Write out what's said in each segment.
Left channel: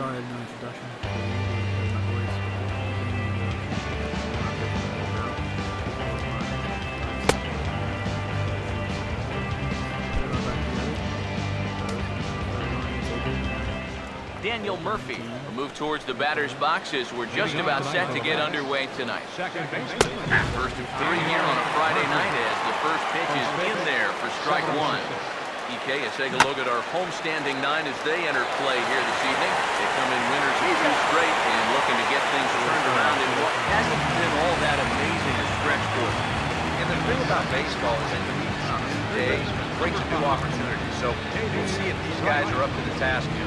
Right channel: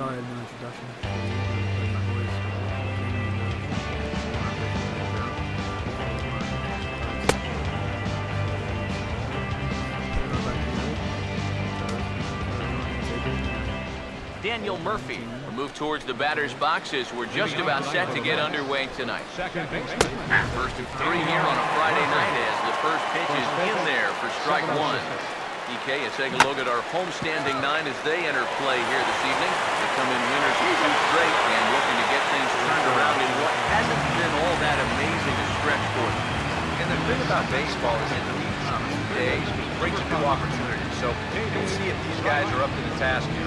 sorry, no introduction. Daniel Murphy will move towards the batter's box as we're just about set to get underway tonight. First of 3 here on a Friday night as the first pitch is in there for strike one. EK, let's take a look at our homestanding 9 as they enter play here this evening. They come in winners of 2 straight and looking to get things turned around in what hasn't been all that amazing a stretch for them. And the thing about baseball is it leads a new day, brings a new opportunity. So we'll see if these guys are up to the task here.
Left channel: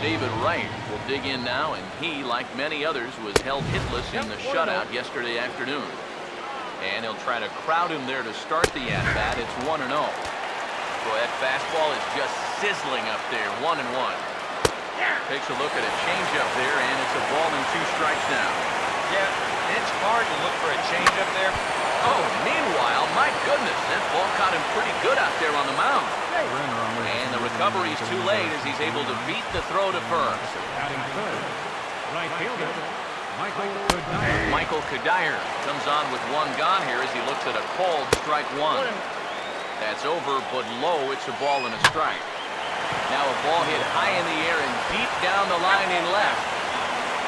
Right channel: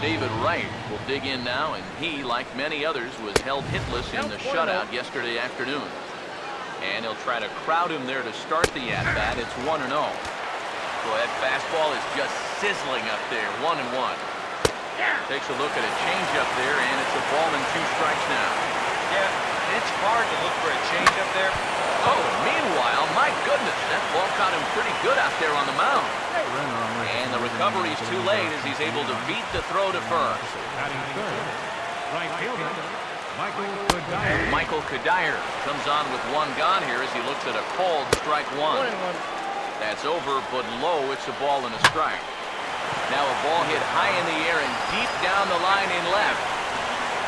David Wright will dig in now, and he, like many others, was held hitless in the shutout yesterday afternoon. And he'll try to crowd him there to start the at-bat. It's 1-0. Boy, that fastball is just sizzling up there, 1-1. Takes a look at a changeup there, and it's a ball and 2 strikes now. Yeah, it's hard to look for a changeup there. Oh, meanwhile, my goodness, that ball caught him pretty good out there on the mound. And the recovery's too late as he's able to beat the throw to first. Michael Kadire comes on with 1 gone here as he looks at a called strike 1. That's over, but low. It's a ball and a strike. Now a ball hit high in the air and deep down the line in left.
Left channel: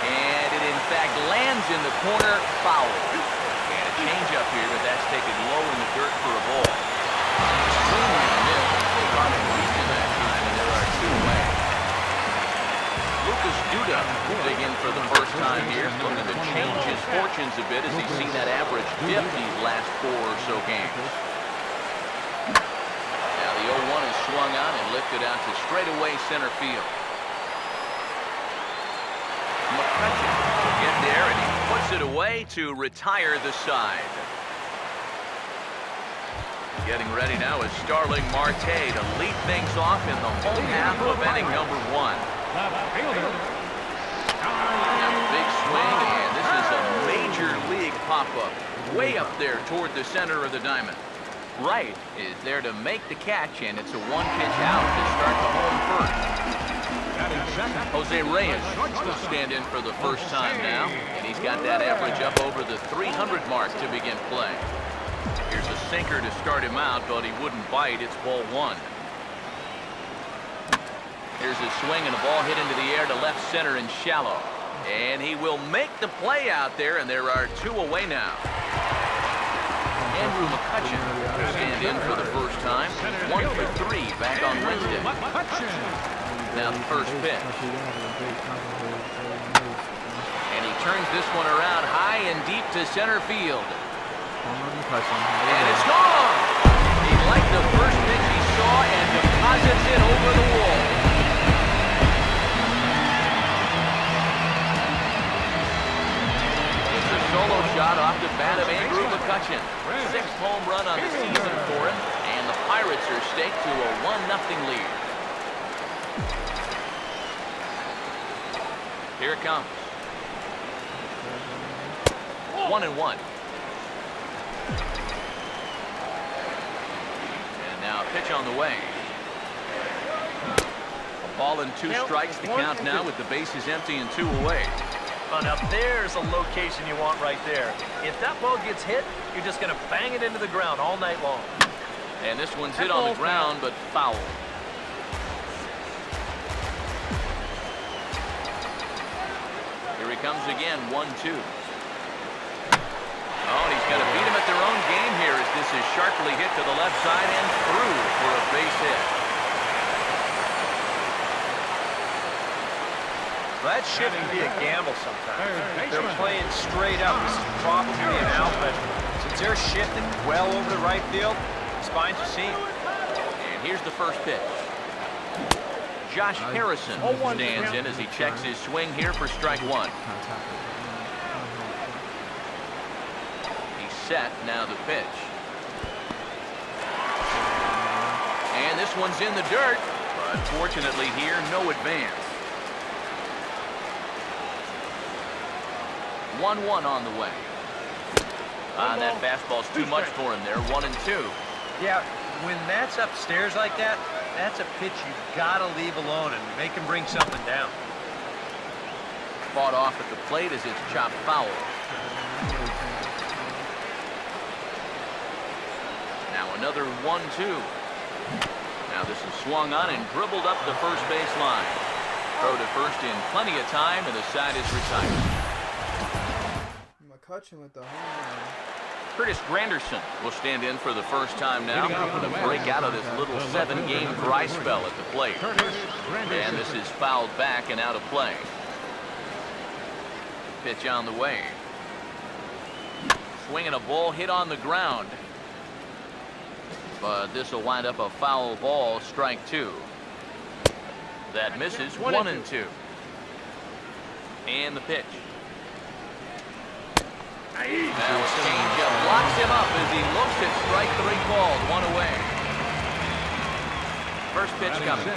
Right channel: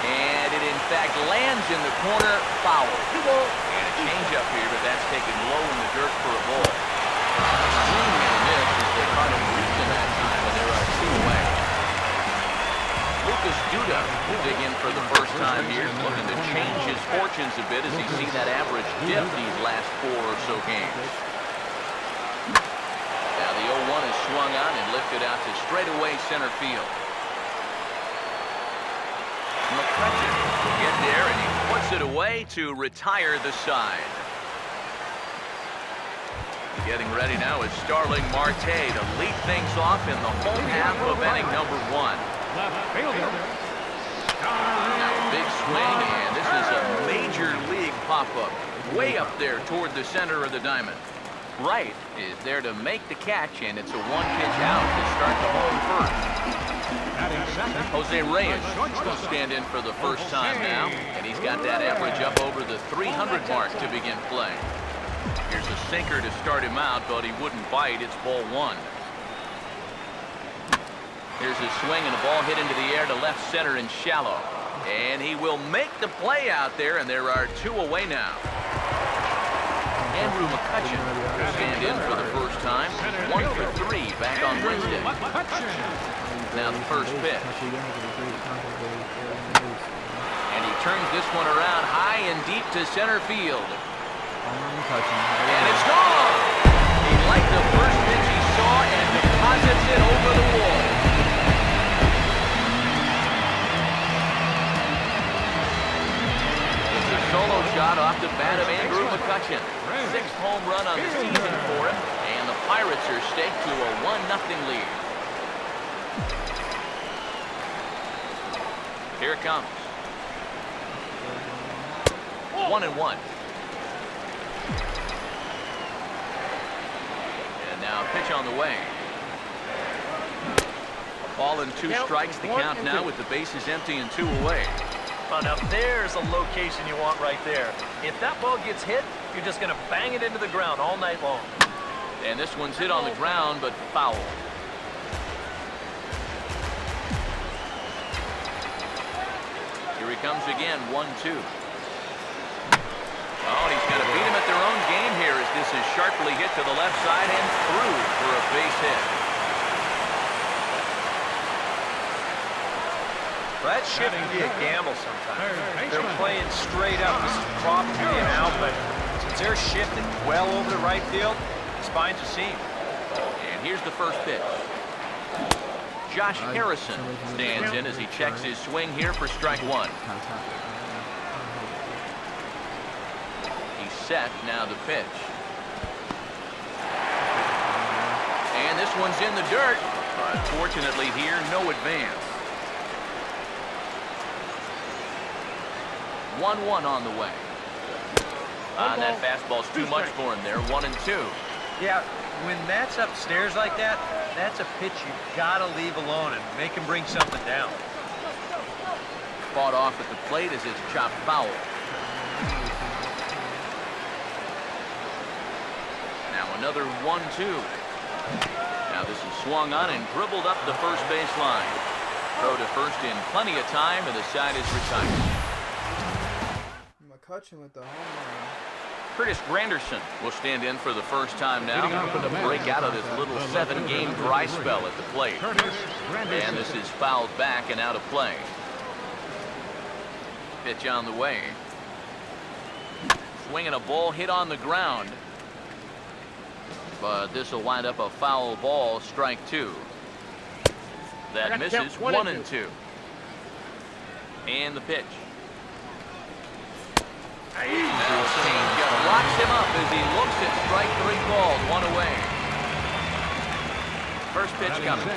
And it, in fact, lands in the corner, foul. And a changeup here, but that's taken low in the dirt for a ball. Swing and a miss as they caught him reaching that time, and there are 2 away. Lucas Duda will dig in for the first time here, looking to change his fortunes a bit as he see that average dip these last 4 or so games. Now the 0-1 is swung on and lifted out to straightaway center field. McCutcheon will get there, and he puts it away to retire the side. Getting ready now is Starling Marte to lead things off in the home half of inning number 1. Now a big swing, and this is a major league pop-up way up there toward the center of the diamond. Wright is there to make the catch, and it's a 1-pitch out to start the home first. Jose Reyes will stand in for the first time now, and he's got that average up over the 300 mark to begin play. Here's a sinker to start him out, but he wouldn't bite. It's ball 1. Here's a swing and a ball hit into the air to left center and shallow. And he will make the play out there, and there are 2 away now. Andrew McCutcheon will stand in for the first time. 1 for 3 back on Wednesday. Now the first pitch. And he turns this one around high and deep to center field. And it's gone! He liked the first pitch he saw and deposits it over the wall. It's a solo shot off the bat of Andrew McCutcheon. 6th home run on the season for him, and the Pirates are staked to a 1-0 lead. Here it comes. 1-1. And now a pitch on the way. A ball and 2 strikes, the count now with the bases empty and 2 away. Well, now there's a location you want right there. If that ball gets hit, you're just going to bang it into the ground all night long. And this one's hit on the ground, but foul. Here he comes again, 1-2. Oh, and he's got to beat him at their own game here as this is sharply hit to the left side and through for a base hit. Well, that shift can be a gamble sometimes. They're playing straight up. This is probably an out, but since they're shifting well over the right field, the spines are seam. And here's the first pitch. Josh Harrison stands in as he checks his swing here for strike 1. He's set, now the pitch. And this one's in the dirt, but fortunately here, no advance. 1-1 on the way. And that fastball's too much for him there, 1-2. Yeah, when that's upstairs like that, that's a pitch you've got to leave alone and make him bring something down. Fought off at the plate as it's chopped foul. Now another 1-2. Now this is swung on and dribbled up the first base line. Throw to first in plenty of time, and the side is retired. McCutcheon with the home run. Curtis Granderson will stand in for the first time now, hoping to break out of this little 7-game dry spell at the plate. And this is fouled back and out of play. Pitch on the way. Swinging a ball hit on the ground. But this will wind up a foul ball, strike 2. That misses, 1-2. And the pitch. Now a changeup locks him up as he looks at strike 3 called, 1 away. First pitch coming.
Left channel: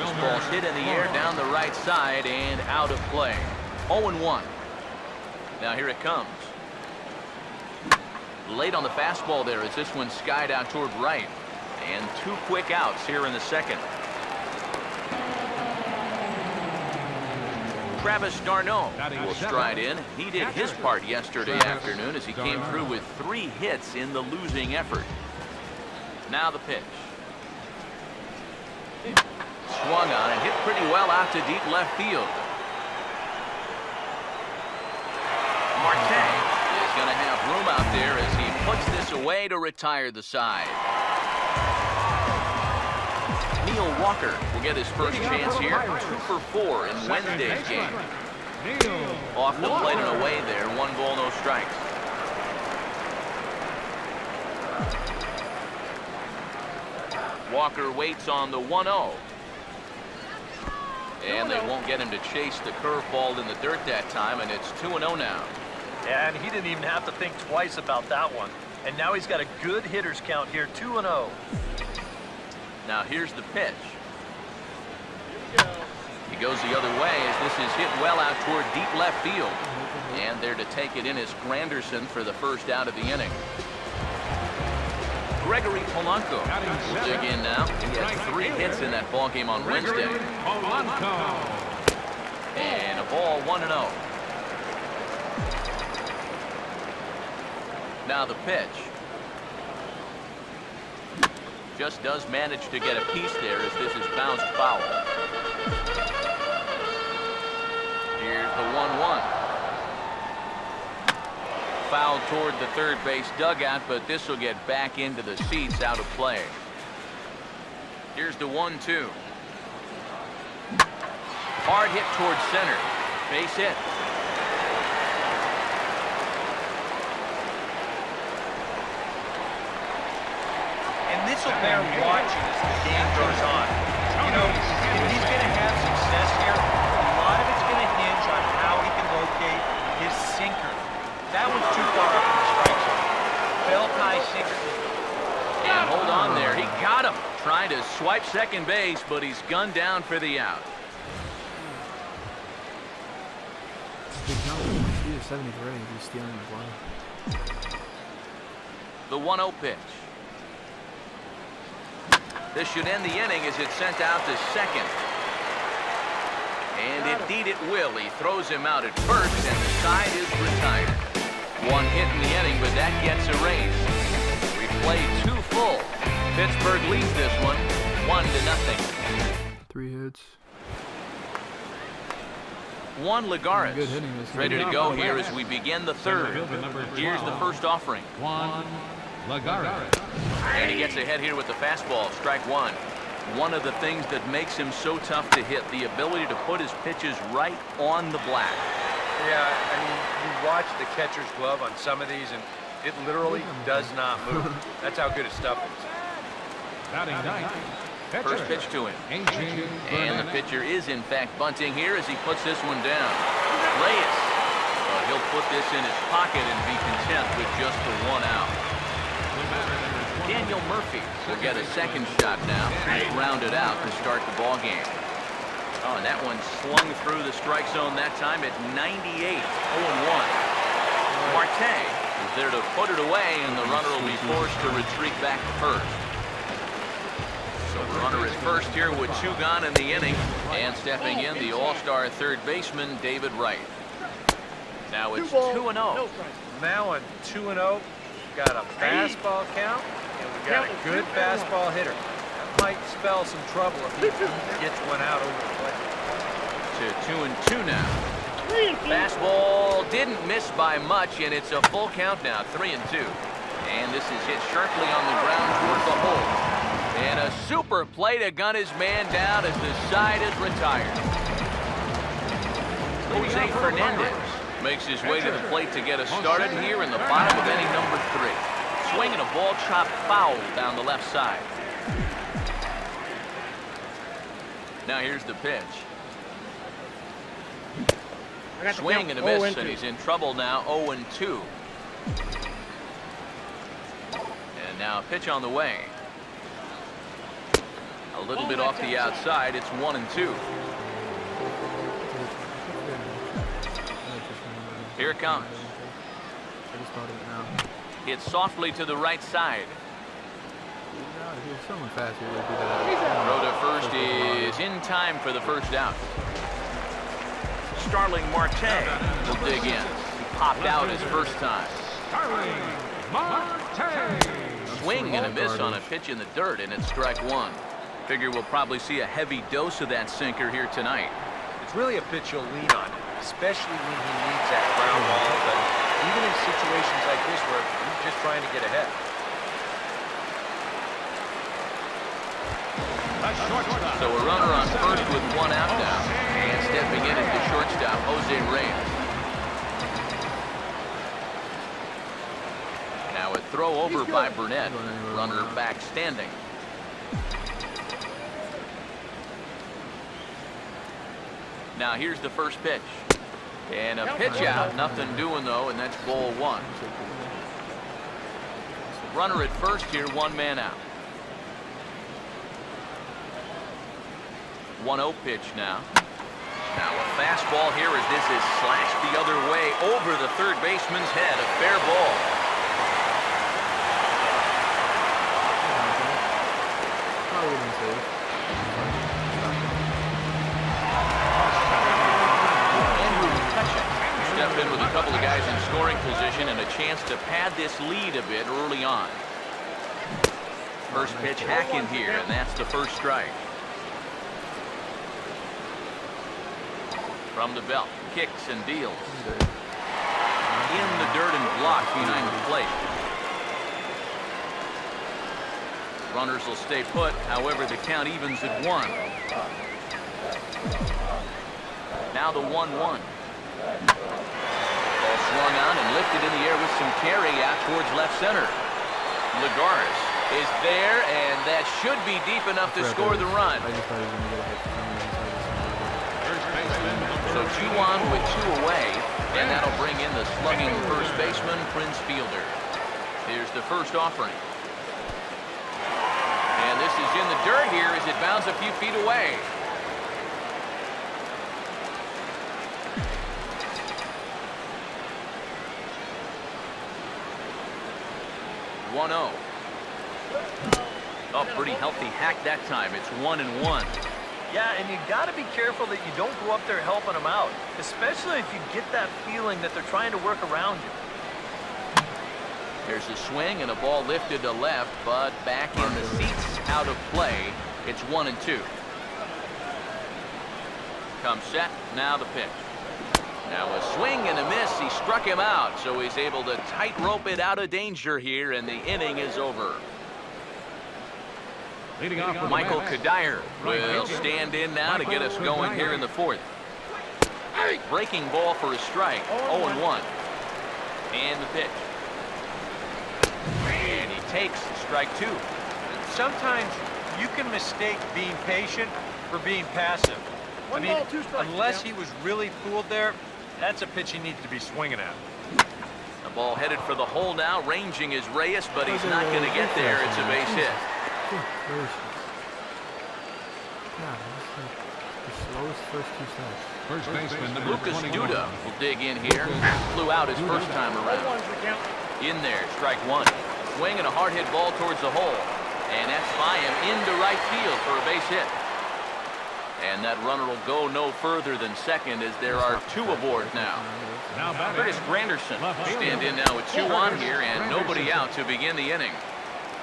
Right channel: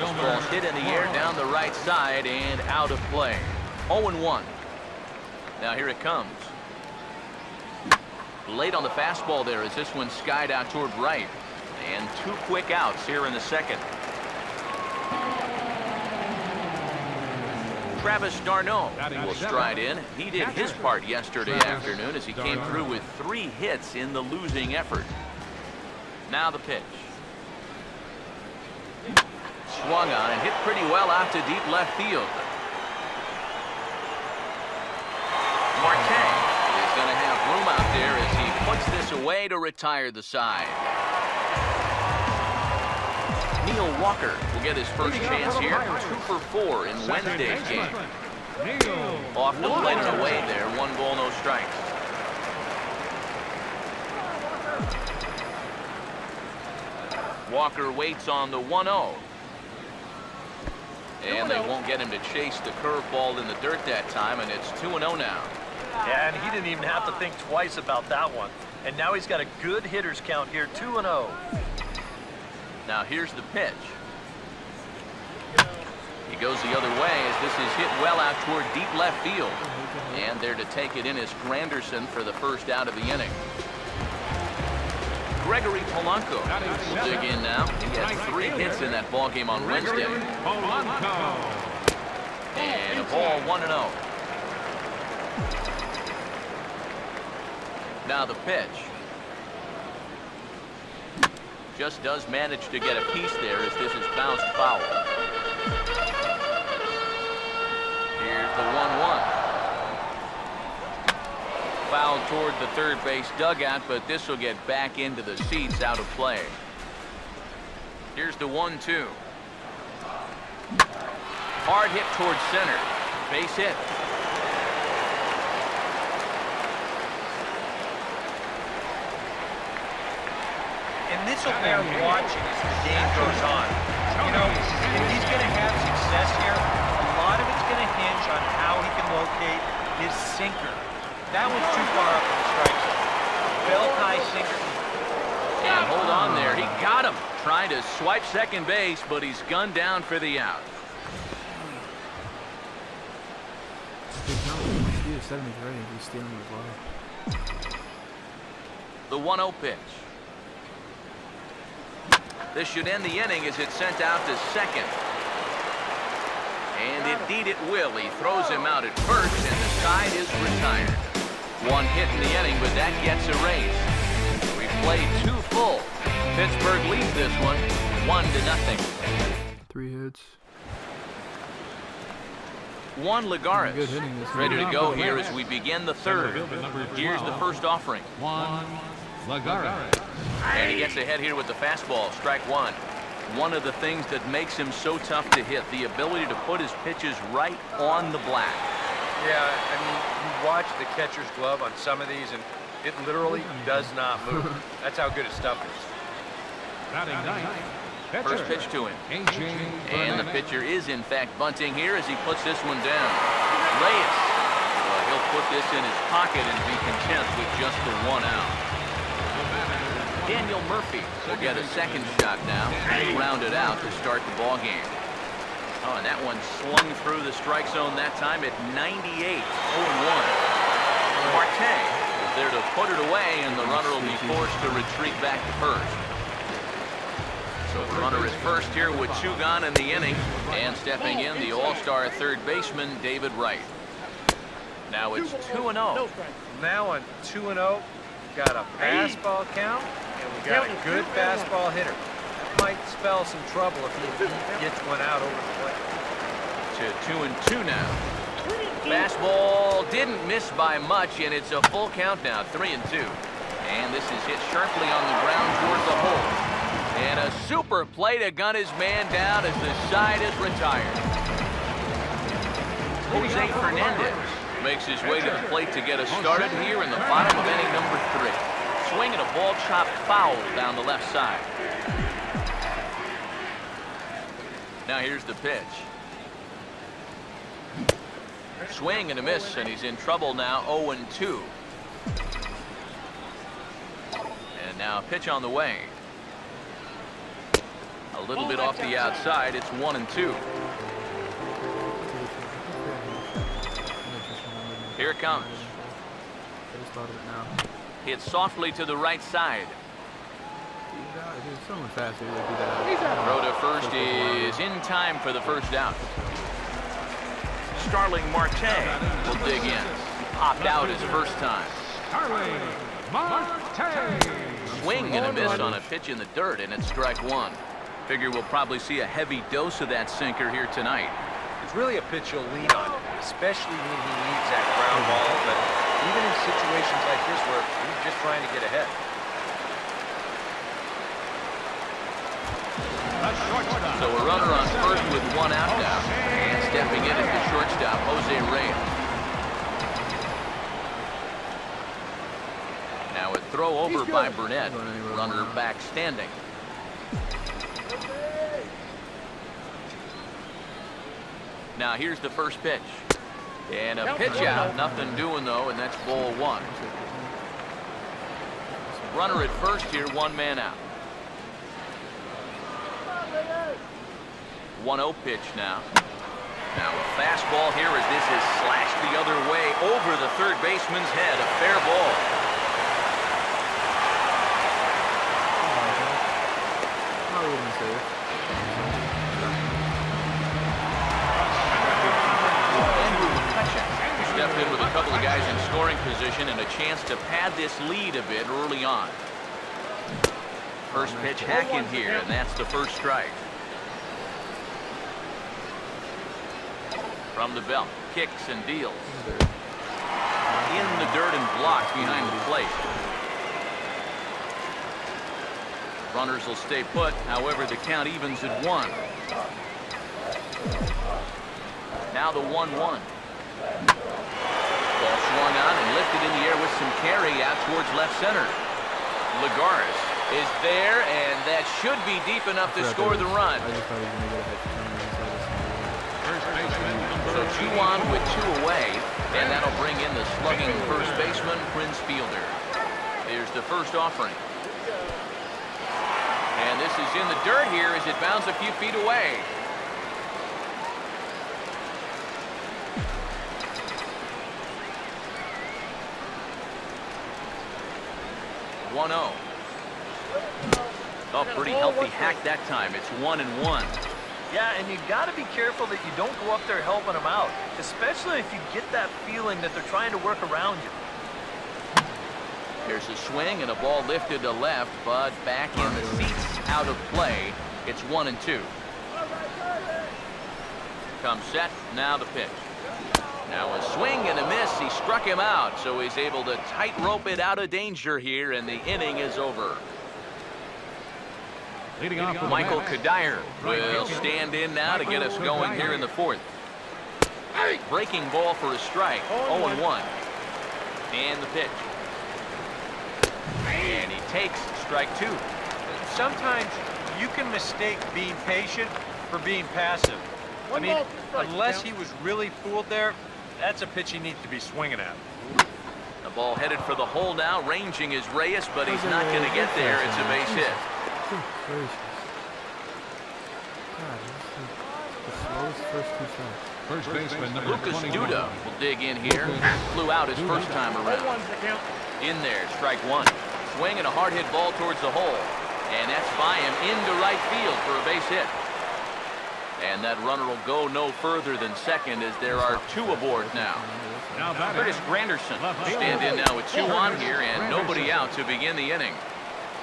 This ball's hit in the air down the right side and out of play. 0-1. Now here it comes. Late on the fastball there as this one skied out toward right. And 2 quick outs here in the second. Travis d'Arnaud will stride in. He did his part yesterday afternoon as he came through with 3 hits in the losing effort. Now the pitch. Swung on and hit pretty well out to deep left field. Marte is going to have room out there as he puts this away to retire the side. Neil Walker will get his first chance here. 2 for 4 in Wednesday's game. Off the plate and away there. 1 ball, no strikes. Walker waits on the 1-0. And they won't get him to chase the curveball in the dirt that time, and it's 2-0 now. Yeah, and he didn't even have to think twice about that one. And now he's got a good hitters count here, 2-0. Now here's the pitch. He goes the other way as this is hit well out toward deep left field. And there to take it in is Granderson for the first out of the inning. Gregory Polanco will dig in now. He had 3 hits in that ball game on Wednesday. And a ball, 1-0. Now the pitch. Just does manage to get a piece there as this is bounced foul. Here's the 1-1. Foul toward the third base dugout, but this will get back into the seats, out of play. Here's the 1-2. Hard hit towards center. Base hit. And this will bear watching as the game goes on. You know, if he's going to have success here, a lot of it's going to hinge on how he can locate his sinker. That one's too far up in the strike zone. Belt-high sinker. And hold on there. He got him. Trying to swipe second base, but he's gunned down for the out. Big jump. He is 73 if he's stealing the glove. The 1-0 pitch. This should end the inning as it's sent out to second. And indeed it will. He throws him out at first, and the side is retired. 1 hit in the inning, but that gets erased. We've played 2 full. Pittsburgh leads this one 1-0. 3 hits. Juan Lagares Good hitting this ready to game. go here as we begin the third. Here's the first offering. Juan Lagares. And he gets ahead here with the fastball, strike 1. One of the things that makes him so tough to hit, the ability to put his pitches right on the black. Yeah, I mean, you watch the catcher's glove on some of these, and it literally does not move. That's how good his stuff is. Batting 9th. First pitch to him. And the pitcher is, in fact, bunting here as he puts this one down. Reyes. Well, he'll put this in his pocket and be content with just the 1 out. Daniel Murphy will get a second shot now. He's grounded out to start the ball game. Oh, and that one slung through the strike zone that time at 98. 0-1. Marte is there to put it away, and the runner will be forced to retreat back to first. So a runner at first here with 2 gone in the inning, and stepping in, the all-star third baseman, David Wright. Now it's 2-0. Now on 2-0, we've got a fastball count, and we got a good fastball hitter. That might spell some trouble if he gets one out over the plate. To 2-2 now. Fastball didn't miss by much, and it's a full count now, 3-2. And this is hit sharply on the ground toward the hole. And a super play to gun his man down as the side is retired. Jose Fernandez makes his way to the plate to get us started here in the bottom of inning number 3. Swinging a ball chopped foul down the left side. Now here's the pitch. Swing and a miss, and he's in trouble now, 0-2. And now a pitch on the way. A little bit off the outside, it's 1-2. Here it comes. I just thought of it now. Hit softly to the right side. If he was someone fast, he would beat that out. Throw to first is in time for the first out. Starling Marte will dig in. He popped out his first time. Starling Marte. Swing and a miss on a pitch in the dirt, and it's strike 1. Figure we'll probably see a heavy dose of that sinker here tonight. It's really a pitch you'll lean on, especially when he needs that ground ball, but even in situations like this where he's just trying to get ahead. So a runner on first with 1 out now. And stepping in is the shortstop, Jose Reyes. Now a throw over by Burnett. Runner back standing. Now here's the first pitch. And a pitch out. Nothing doing though, and that's ball 1. Runner at first here, 1 man out. 1-0 pitch now. Now a fastball here as this is slashed the other way over the third baseman's head. A fair ball. Probably would have been safe. Andrew McCutcheon stepped in with a couple of guys in scoring position and a chance to pad this lead a bit early on. First pitch hack in here, and that's the first strike. From the belt, kicks and deals. In the dirt and blocked behind the plate. Runners will stay put, however the count evens at 1. Now the 1-1. Ball swung on and lifted in the air with some carry out towards left center. Lagares is there, and that should be deep enough to score the run. I just thought he was going to get a hit for some reason, so I just... So 2 on with 2 away, and that'll bring in the slugging first baseman, Prince Fielder. Here's the first offering. And this is in the dirt here as it bounds a few feet away. Oh, pretty healthy hack that time. It's 1-1. Yeah, and you got to be careful that you don't go up there helping them out, especially if you get that feeling that they're trying to work around you. There's a swing and a ball lifted to left, but back in the seats, out of play. It's 1-2. Comes set, now the pitch. Now a swing and a miss. He struck him out, so he's able to tightrope it out of danger here, and the inning is over. Michael Kadire will stand in now to get us going here in the 4th. Breaking ball for a strike, 0-1. And the pitch. And he takes strike 2. Sometimes you can mistake being patient for being passive. I mean, unless he was really fooled there, that's a pitch he needs to be swinging at. The ball headed for the hole now. Ranging is Reyes, but he's not going to get there. It's a base hit. Good gracious. God, this is the slowest first 2 starts. First baseman Lucas number 21. Duda will dig in here. Flew out his first time around. In there, strike one. Swing and a hard hit ball towards the hole. And that's by him into right field for a base hit. And that runner will go no further than second as there are two aboard now. Curtis Granderson will stand in now with 2 on here and nobody out to begin the inning.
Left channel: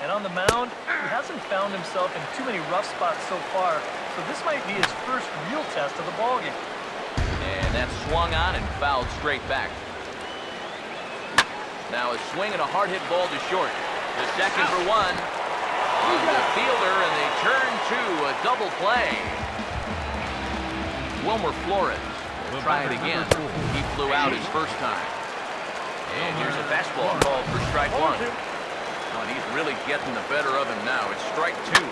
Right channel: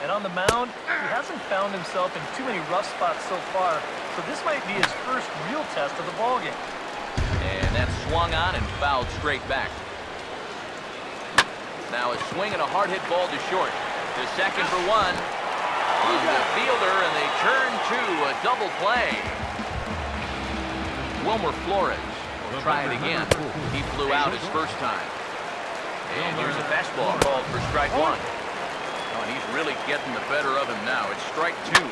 And on the mound, he hasn't found himself in too many rough spots so far, so this might be his first real test of the ballgame. And that's swung on and fouled straight back. Now a swing and a hard hit ball to short. The second for one. On the fielder, and they turn to a double play. Wilmer Flores will try it again. He flew out his first time. And here's a fastball called for strike one. Oh, and he's really getting the better of him now. It's strike two.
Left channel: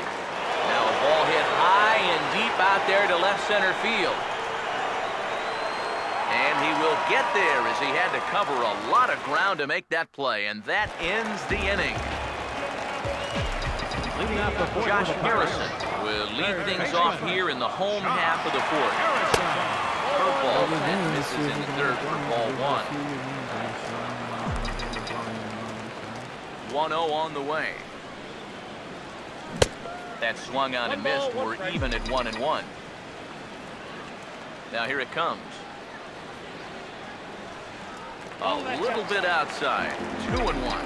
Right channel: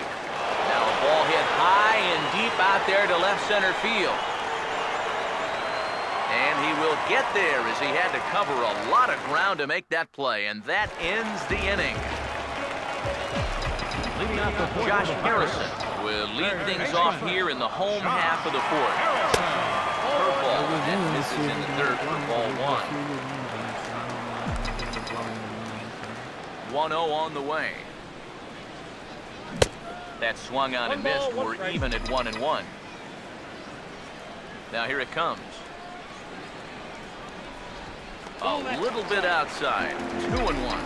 Now a ball hit high and deep out there to left center field. And he will get there as he had to cover a lot of ground to make that play. And that ends the inning. Josh Harrison will lead things off here in the home half of the fourth. Curveball and misses in the third for ball one. 1-0 on the way. That swung on and missed. We're even at 1-1. Now here it comes. A little bit outside. 2-1.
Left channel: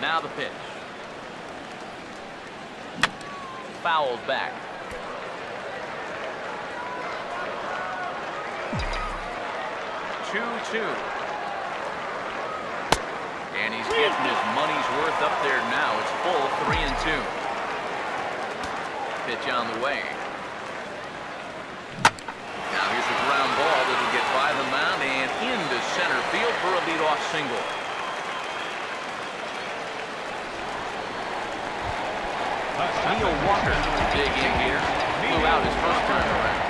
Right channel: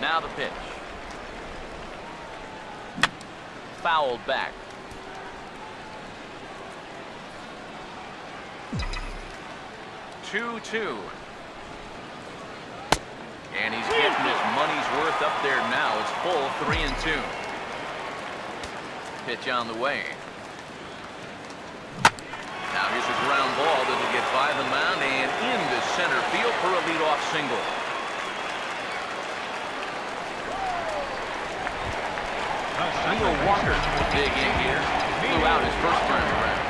Now the pitch. Fouled back. 2-2. And he's getting his money's worth up there now. It's full 3-2. Pitch on the way. Now here's a ground ball that'll get by the mound and into center field for a leadoff single. Neil Walker will dig in here. Flew out his first time around.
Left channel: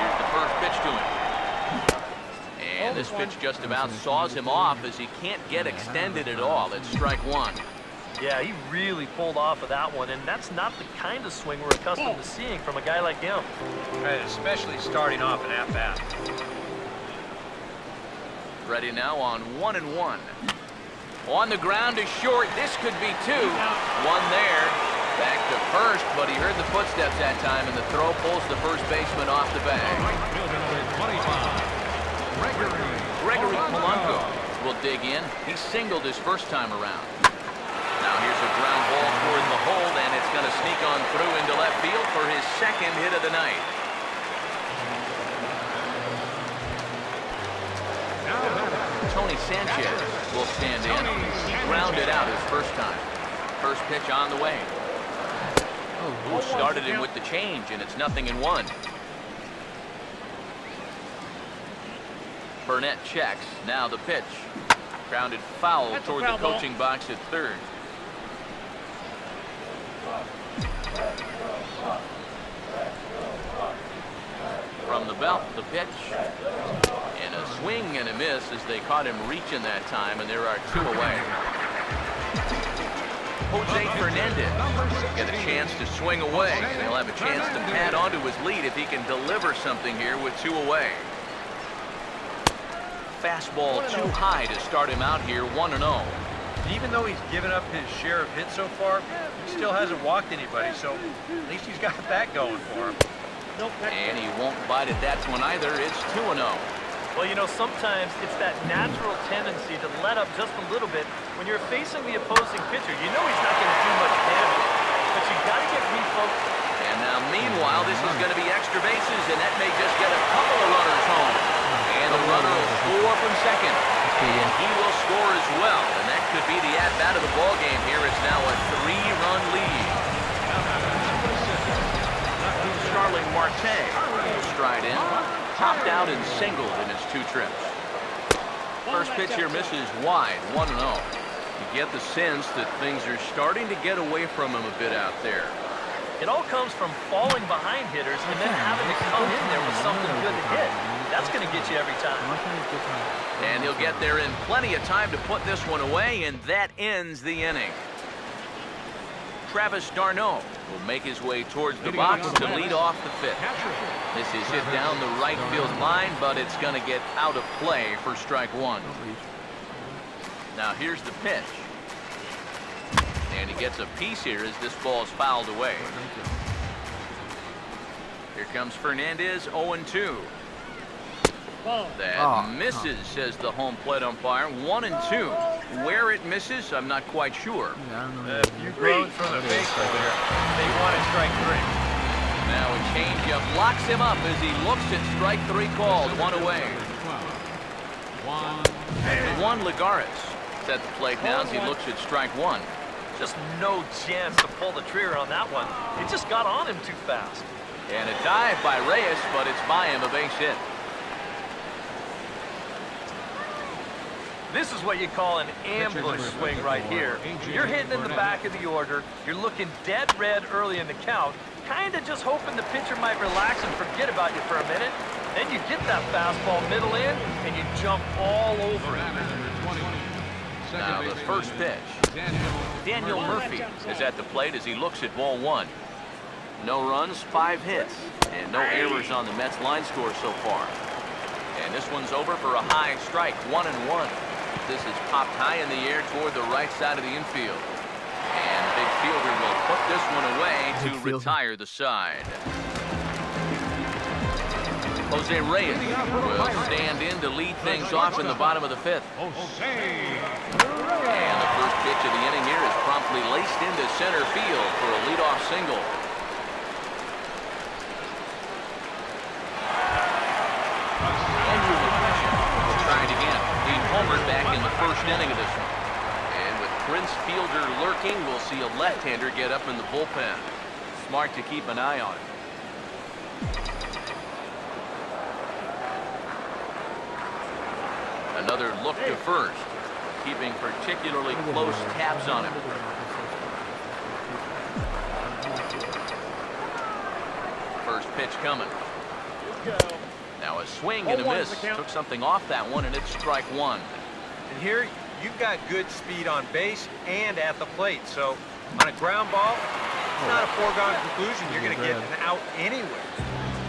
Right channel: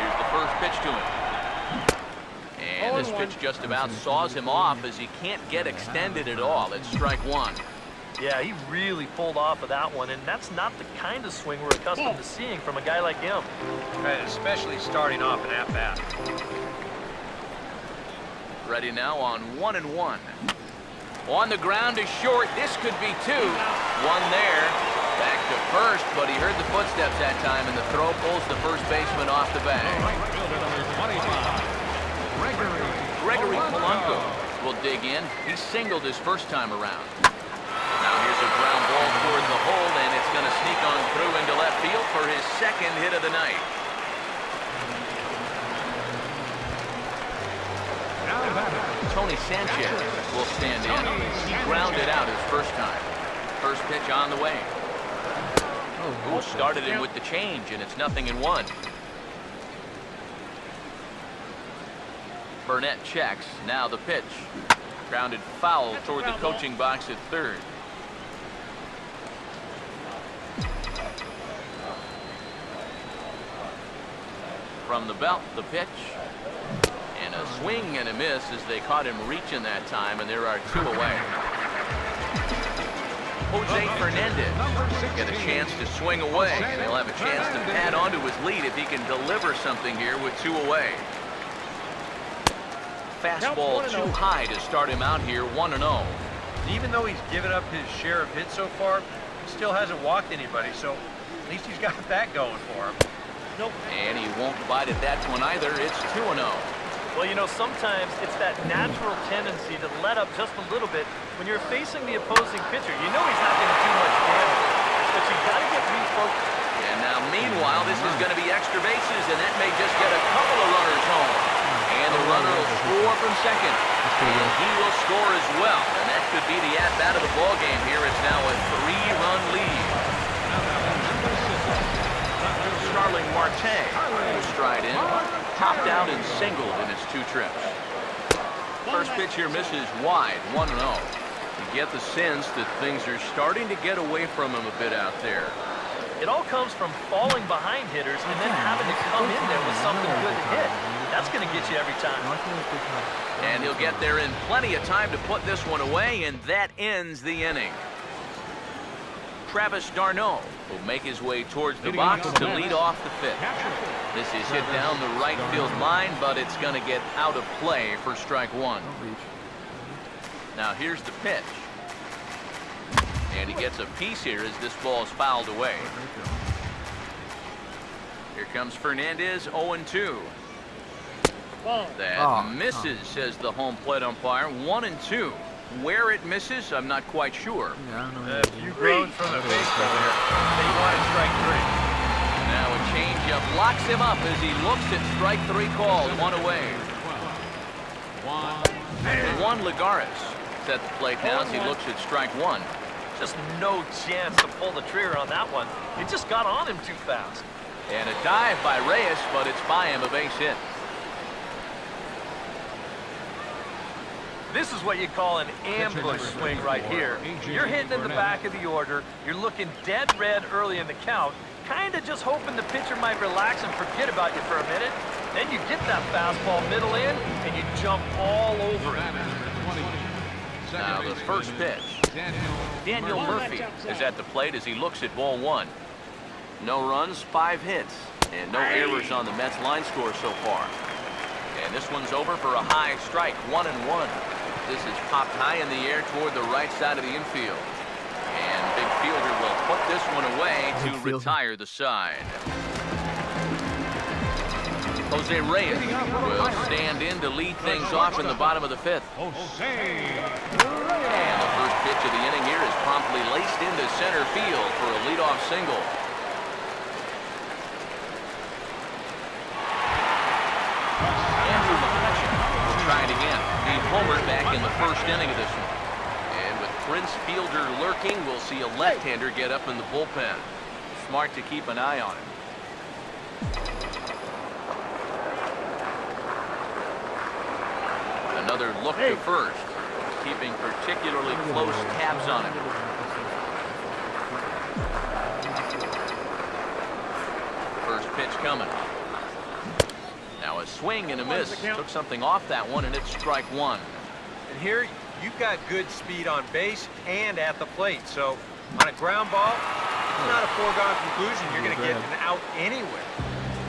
Here's the first pitch to him. And this pitch just about saws him off as he can't get extended at all. It's strike one. Yeah, he really pulled off of that one, and that's not the kind of swing we're accustomed to seeing from a guy like him. Right, especially starting off an at-bat. Ready now on 1-1. On the ground is short. This could be two. One there. Back to first, but he heard the footsteps that time, and the throw pulls the first baseman off the bag. Gregory Polanco will dig in. He singled his first time around. Now here's a ground ball toward the hole, and it's going to sneak on through into left field for his second hit of the night. Tony Sanchez will stand in. He grounded out his first time. First pitch on the way. Ooh, started him with the change, and it's 0-1. Burnett checks. Now the pitch. Grounded foul toward the coaching box at third. From the belt, the pitch. And a swing and a miss as they caught him reaching that time, and there are two away. Jose Fernandez get a chance to swing away, and he'll have a chance to pad onto his lead if he can deliver something here with two away. Fastball too high to start him out here, 1-0. Even though he's given up his share of hits so far, he still hasn't walked anybody, so at least he's got that going for him. And he won't bite at that one either. It's 2-0. Well, you know, sometimes it's that natural tendency to let up just a little bit when you're facing the opposing pitcher. You know he's not going to do much damage, but you got to get refocused. And now, meanwhile, this is going to be extra bases, and that may just get a couple of runners home. And the runner will score from second. And he will score as well. And that could be the at-bat of the ball game here. It's now a 3-run lead. Starling Marte will stride in. Popped out and singled in his two trips. First pitch here misses wide, 1-0. You get the sense that things are starting to get away from him a bit out there. It all comes from falling behind hitters and then having to come in there with something good to hit. That's going to get you every time. And he'll get there in plenty of time to put this one away, and that ends the inning. Travis d'Arnaud will make his way towards the box to lead off the fifth. This is hit down the right field line, but it's going to get out of play for strike one. Don't reach. Now here's the pitch. And he gets a piece here as this ball is fouled away. Here comes Fernandez, 0-2. That misses, says the home plate umpire. 1-2. Where it misses, I'm not quite sure. Yeah, I don't know. A few groans from the baseball there. They wanted strike three. Now a changeup locks him up as he looks at strike three called. One away. Juan Lagares is at the plate now as he looks at strike one. Just no chance to pull the trigger on that one. It just got on him too fast. And a dive by Reyes, but it's by him, a base hit. This is what you call an ambush swing right here. You're hitting in the back of the order. You're looking dead red early in the count, kind of just hoping the pitcher might relax and forget about you for a minute. Then you get that fastball middle in, and you jump all over it. Now the first pitch. Daniel Murphy is at the plate as he looks at ball one. No runs, 5 hits, and no errors on the Mets line score so far. And this one's over for a high strike, 1-1. This is popped high in the air toward the right side of the infield. And big fielder will put this one away to retire the side. Jose Reyes will stand in to lead things off in the bottom of the fifth. And the first pitch of the inning here is promptly laced into center field for a leadoff single. Andrew McCutcheon will try it again. He homered back in the first inning of this one. And with Prince Fielder lurking, we'll see a left-hander get up in the bullpen. Smart to keep an eye on it. Another look to first, keeping particularly close tabs on him. First pitch coming. Now a swing and a miss. Took something off that one, and it's strike one. And here, you've got good speed on base and at the plate. So on a ground ball, it's not a foregone conclusion. You're going to get an out anywhere.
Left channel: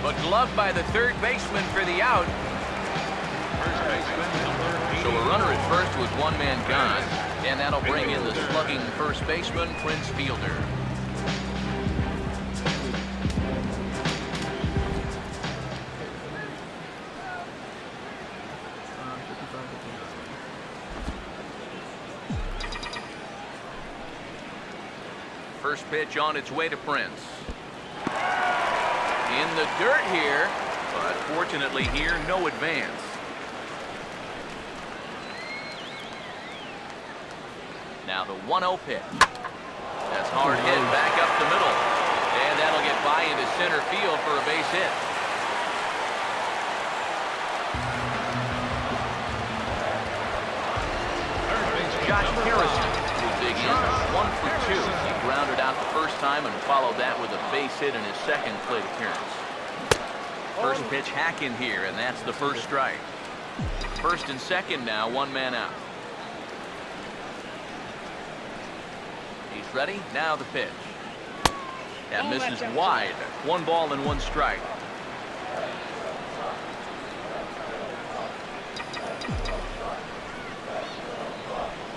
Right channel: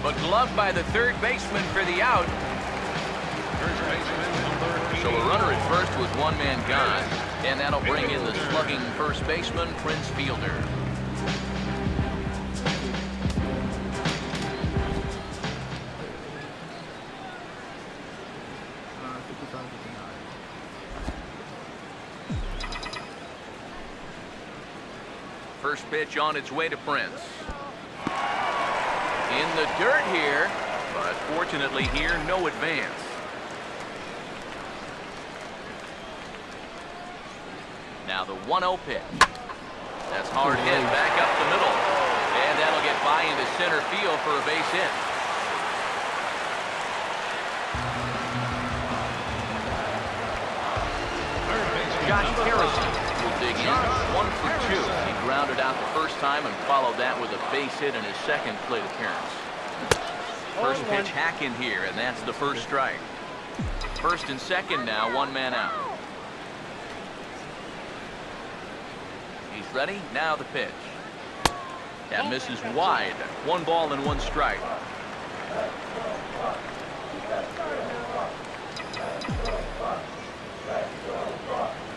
But gloved by the third baseman for the out. So a runner at first with one man gone, and that'll bring in the slugging first baseman, Prince Fielder. First pitch on its way to Prince. In the dirt here, but fortunately here, no advance. Now the 1-0 pitch. That's hard hit back up the middle. And that'll get by into center field for a base hit. Josh Harrison will dig in. 1 for 2. He grounded out the first time and followed that with a base hit in his second plate appearance. First pitch hack in here, and that's the first strike. First and second now, one man out. He's ready. Now the pitch. That misses wide. 1 ball and 1 strike.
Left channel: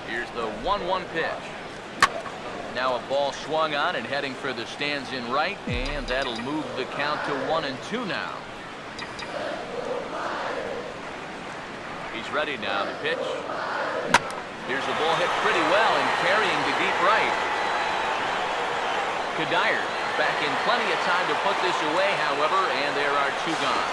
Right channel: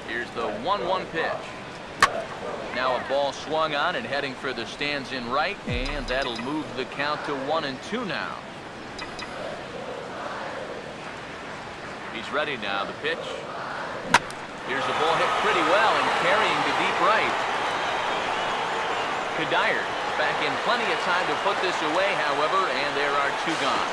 Here's the 1-1 pitch. Now a ball swung on and heading for the stands in right, and that'll move the count to 1-2 now. He's ready now. The pitch. Here's a ball hit pretty well and carrying to deep right. Kadire back in plenty of time to put this away, however, and there are 2 gone.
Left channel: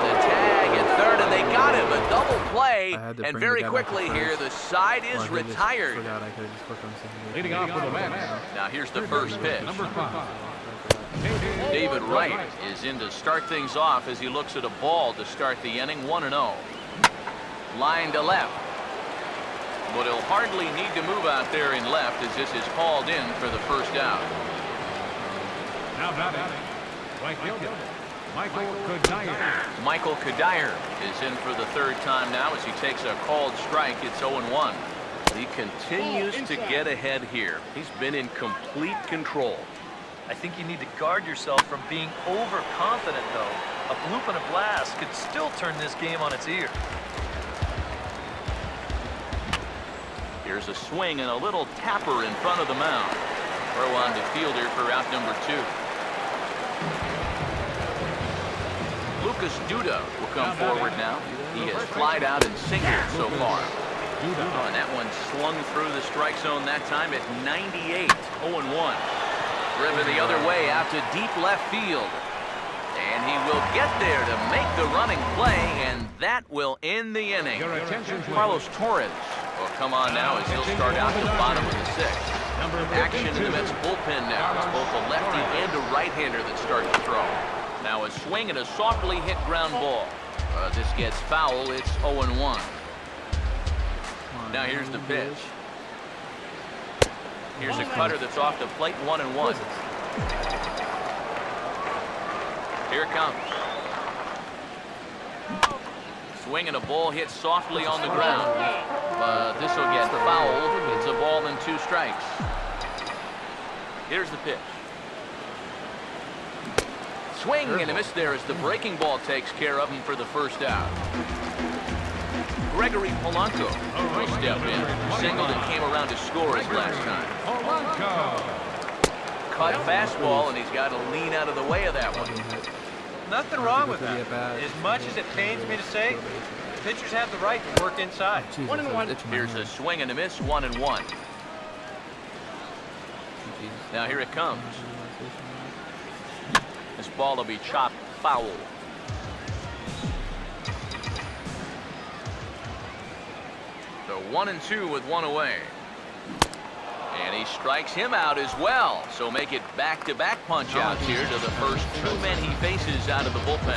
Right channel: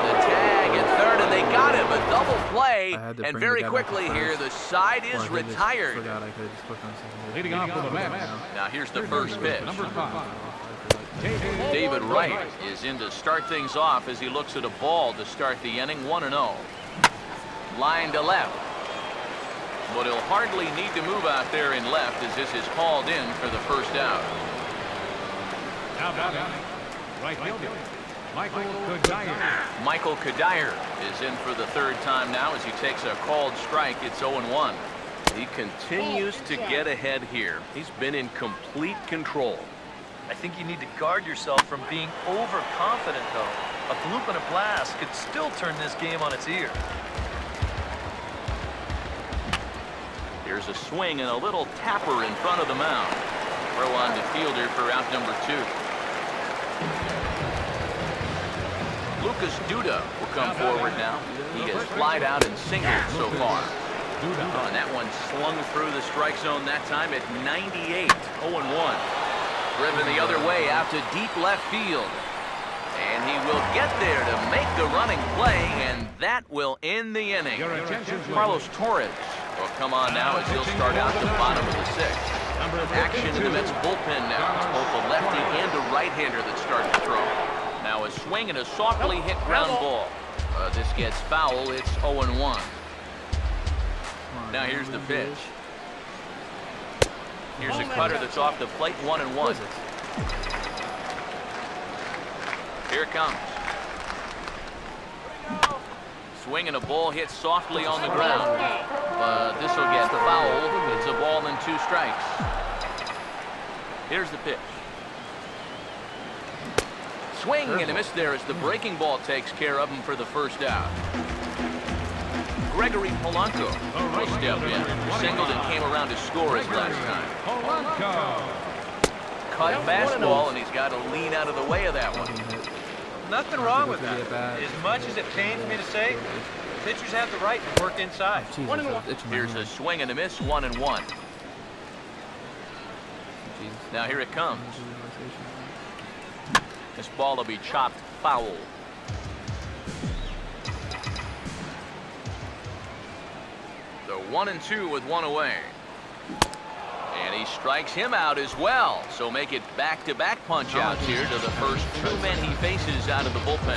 The tag at third, and they got him. A double play, and very quickly here, the side is retired. I could have just clicked on second base. Leading off for the Mets. Now here's the first pitch. Number 5. David Wright is in to start things off as he looks at a ball to start the inning. 1-0. Line to left. But he'll hardly need to move out there in left as this is hauled in for the first out. Now batting, right fielder, Michael Kadire. Michael Kadire is in for the third time now as he takes a called strike. It's 0-1. He continues to get ahead here. He's been in complete control. I think you need to guard yourself from being overconfident, though. A bloop and a blast could still turn this game on its ear. Here's a swing and a little tapper in front of the mound. Throw on to fielder for out number 2. Lucas Duda will come forward now. He has flied out and singled so far. Oh, and that one slung through the strike zone that time at 98. 0-1. Driven the other way out to deep left field. And he will get there to make the running play, and that will end the inning. Carlos Torres will come on now as he'll start out the bottom of the 6th. Action in the Mets bullpen now. It's both a lefty and a right-hander that started to throw. Now a swing and a softly hit ground ball. This gets foul. It's 0-1. Now here's the pitch. Here's a cutter that's off the plate. 1-1. Here it comes. Swing and a ball hit softly on the ground. But this will get fouled. It's a ball and 2 strikes. Here's the pitch. Swing and a miss there as the breaking ball takes care of him for the first out. Gregory Polanco will step in. Singled and came around to score his last time. Cut fastball, and he's got to lean out of the way of that one. Nothing wrong with that. As much as it pains me to say, pitchers have the right to work inside. Jesus, here's a swing and a miss. 1-1. Now here it comes. This ball will be chopped foul. So 1-2 with 1 away. And he strikes him out as well. So make it back-to-back punch-outs here to the first 2 men he faces out of the bullpen.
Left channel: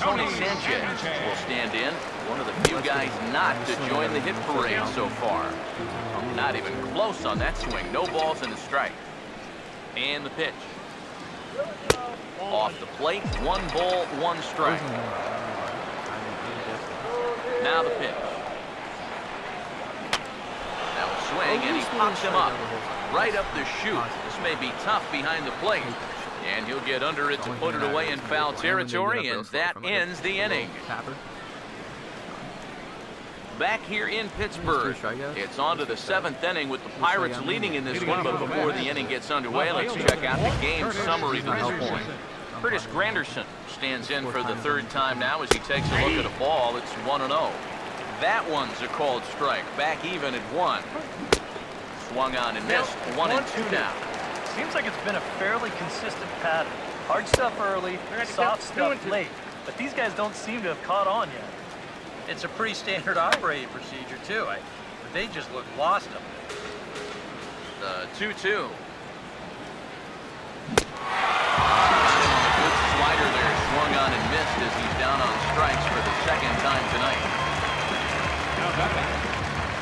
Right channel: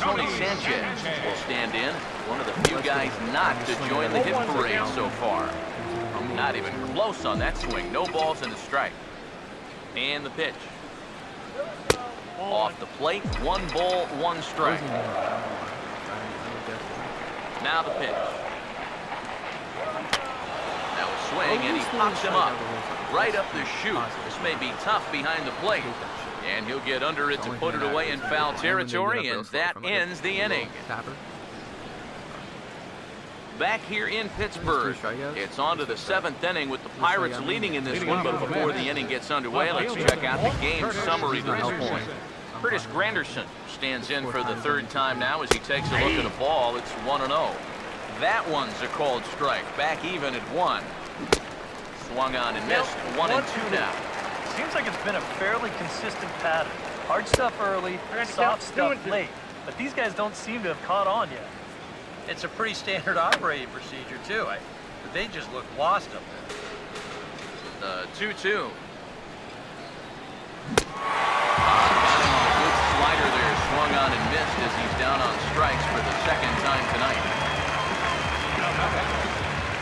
Tony Sanchez will stand in. One of the few guys not to join the hit parade so far. Not even close on that swing. No balls and a strike. And the pitch. Off the plate. 1 ball, 1 strike. Now the pitch. Now a swing, and he pops him up. Right up the chute. This may be tough behind the plate. And he'll get under it to put it away in foul territory, and that ends the inning. Back here in Pittsburgh, it's on to the 7th inning with the Pirates leading in this one, but before the inning gets underway, let's check out the game summary to this point. Curtis Granderson stands in for the 3rd time now as he takes a look at a ball. It's 1-0. That one's a called strike. Back even at 1. Swung on and missed. 1-2 now. Seems like it's been a fairly consistent pattern. Hard stuff early, soft stuff late. But these guys don't seem to have caught on yet. It's a pretty standard operating procedure, too. But they just look lost up there. The 2-2. Got him on a good slider there. Swung on and missed as he's down on strikes for the 2nd time tonight.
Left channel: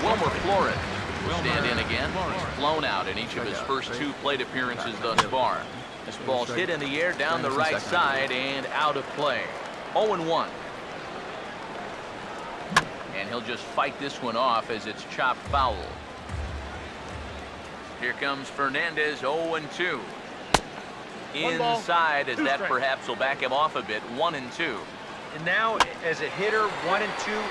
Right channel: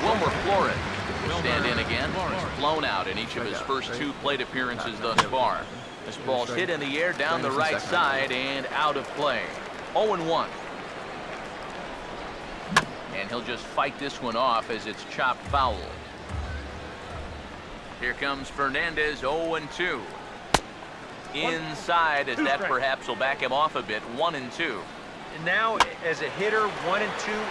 Wilmer Flores will stand in again. He's flown out in each of his first 2 plate appearances thus far. This ball's hit in the air down the right side and out of play. 0-1. And he'll just fight this one off as it's chopped foul. Here comes Fernandez. 0-2. Inside, as that perhaps will back him off a bit. 1-2. And now, as a hitter, 1-2,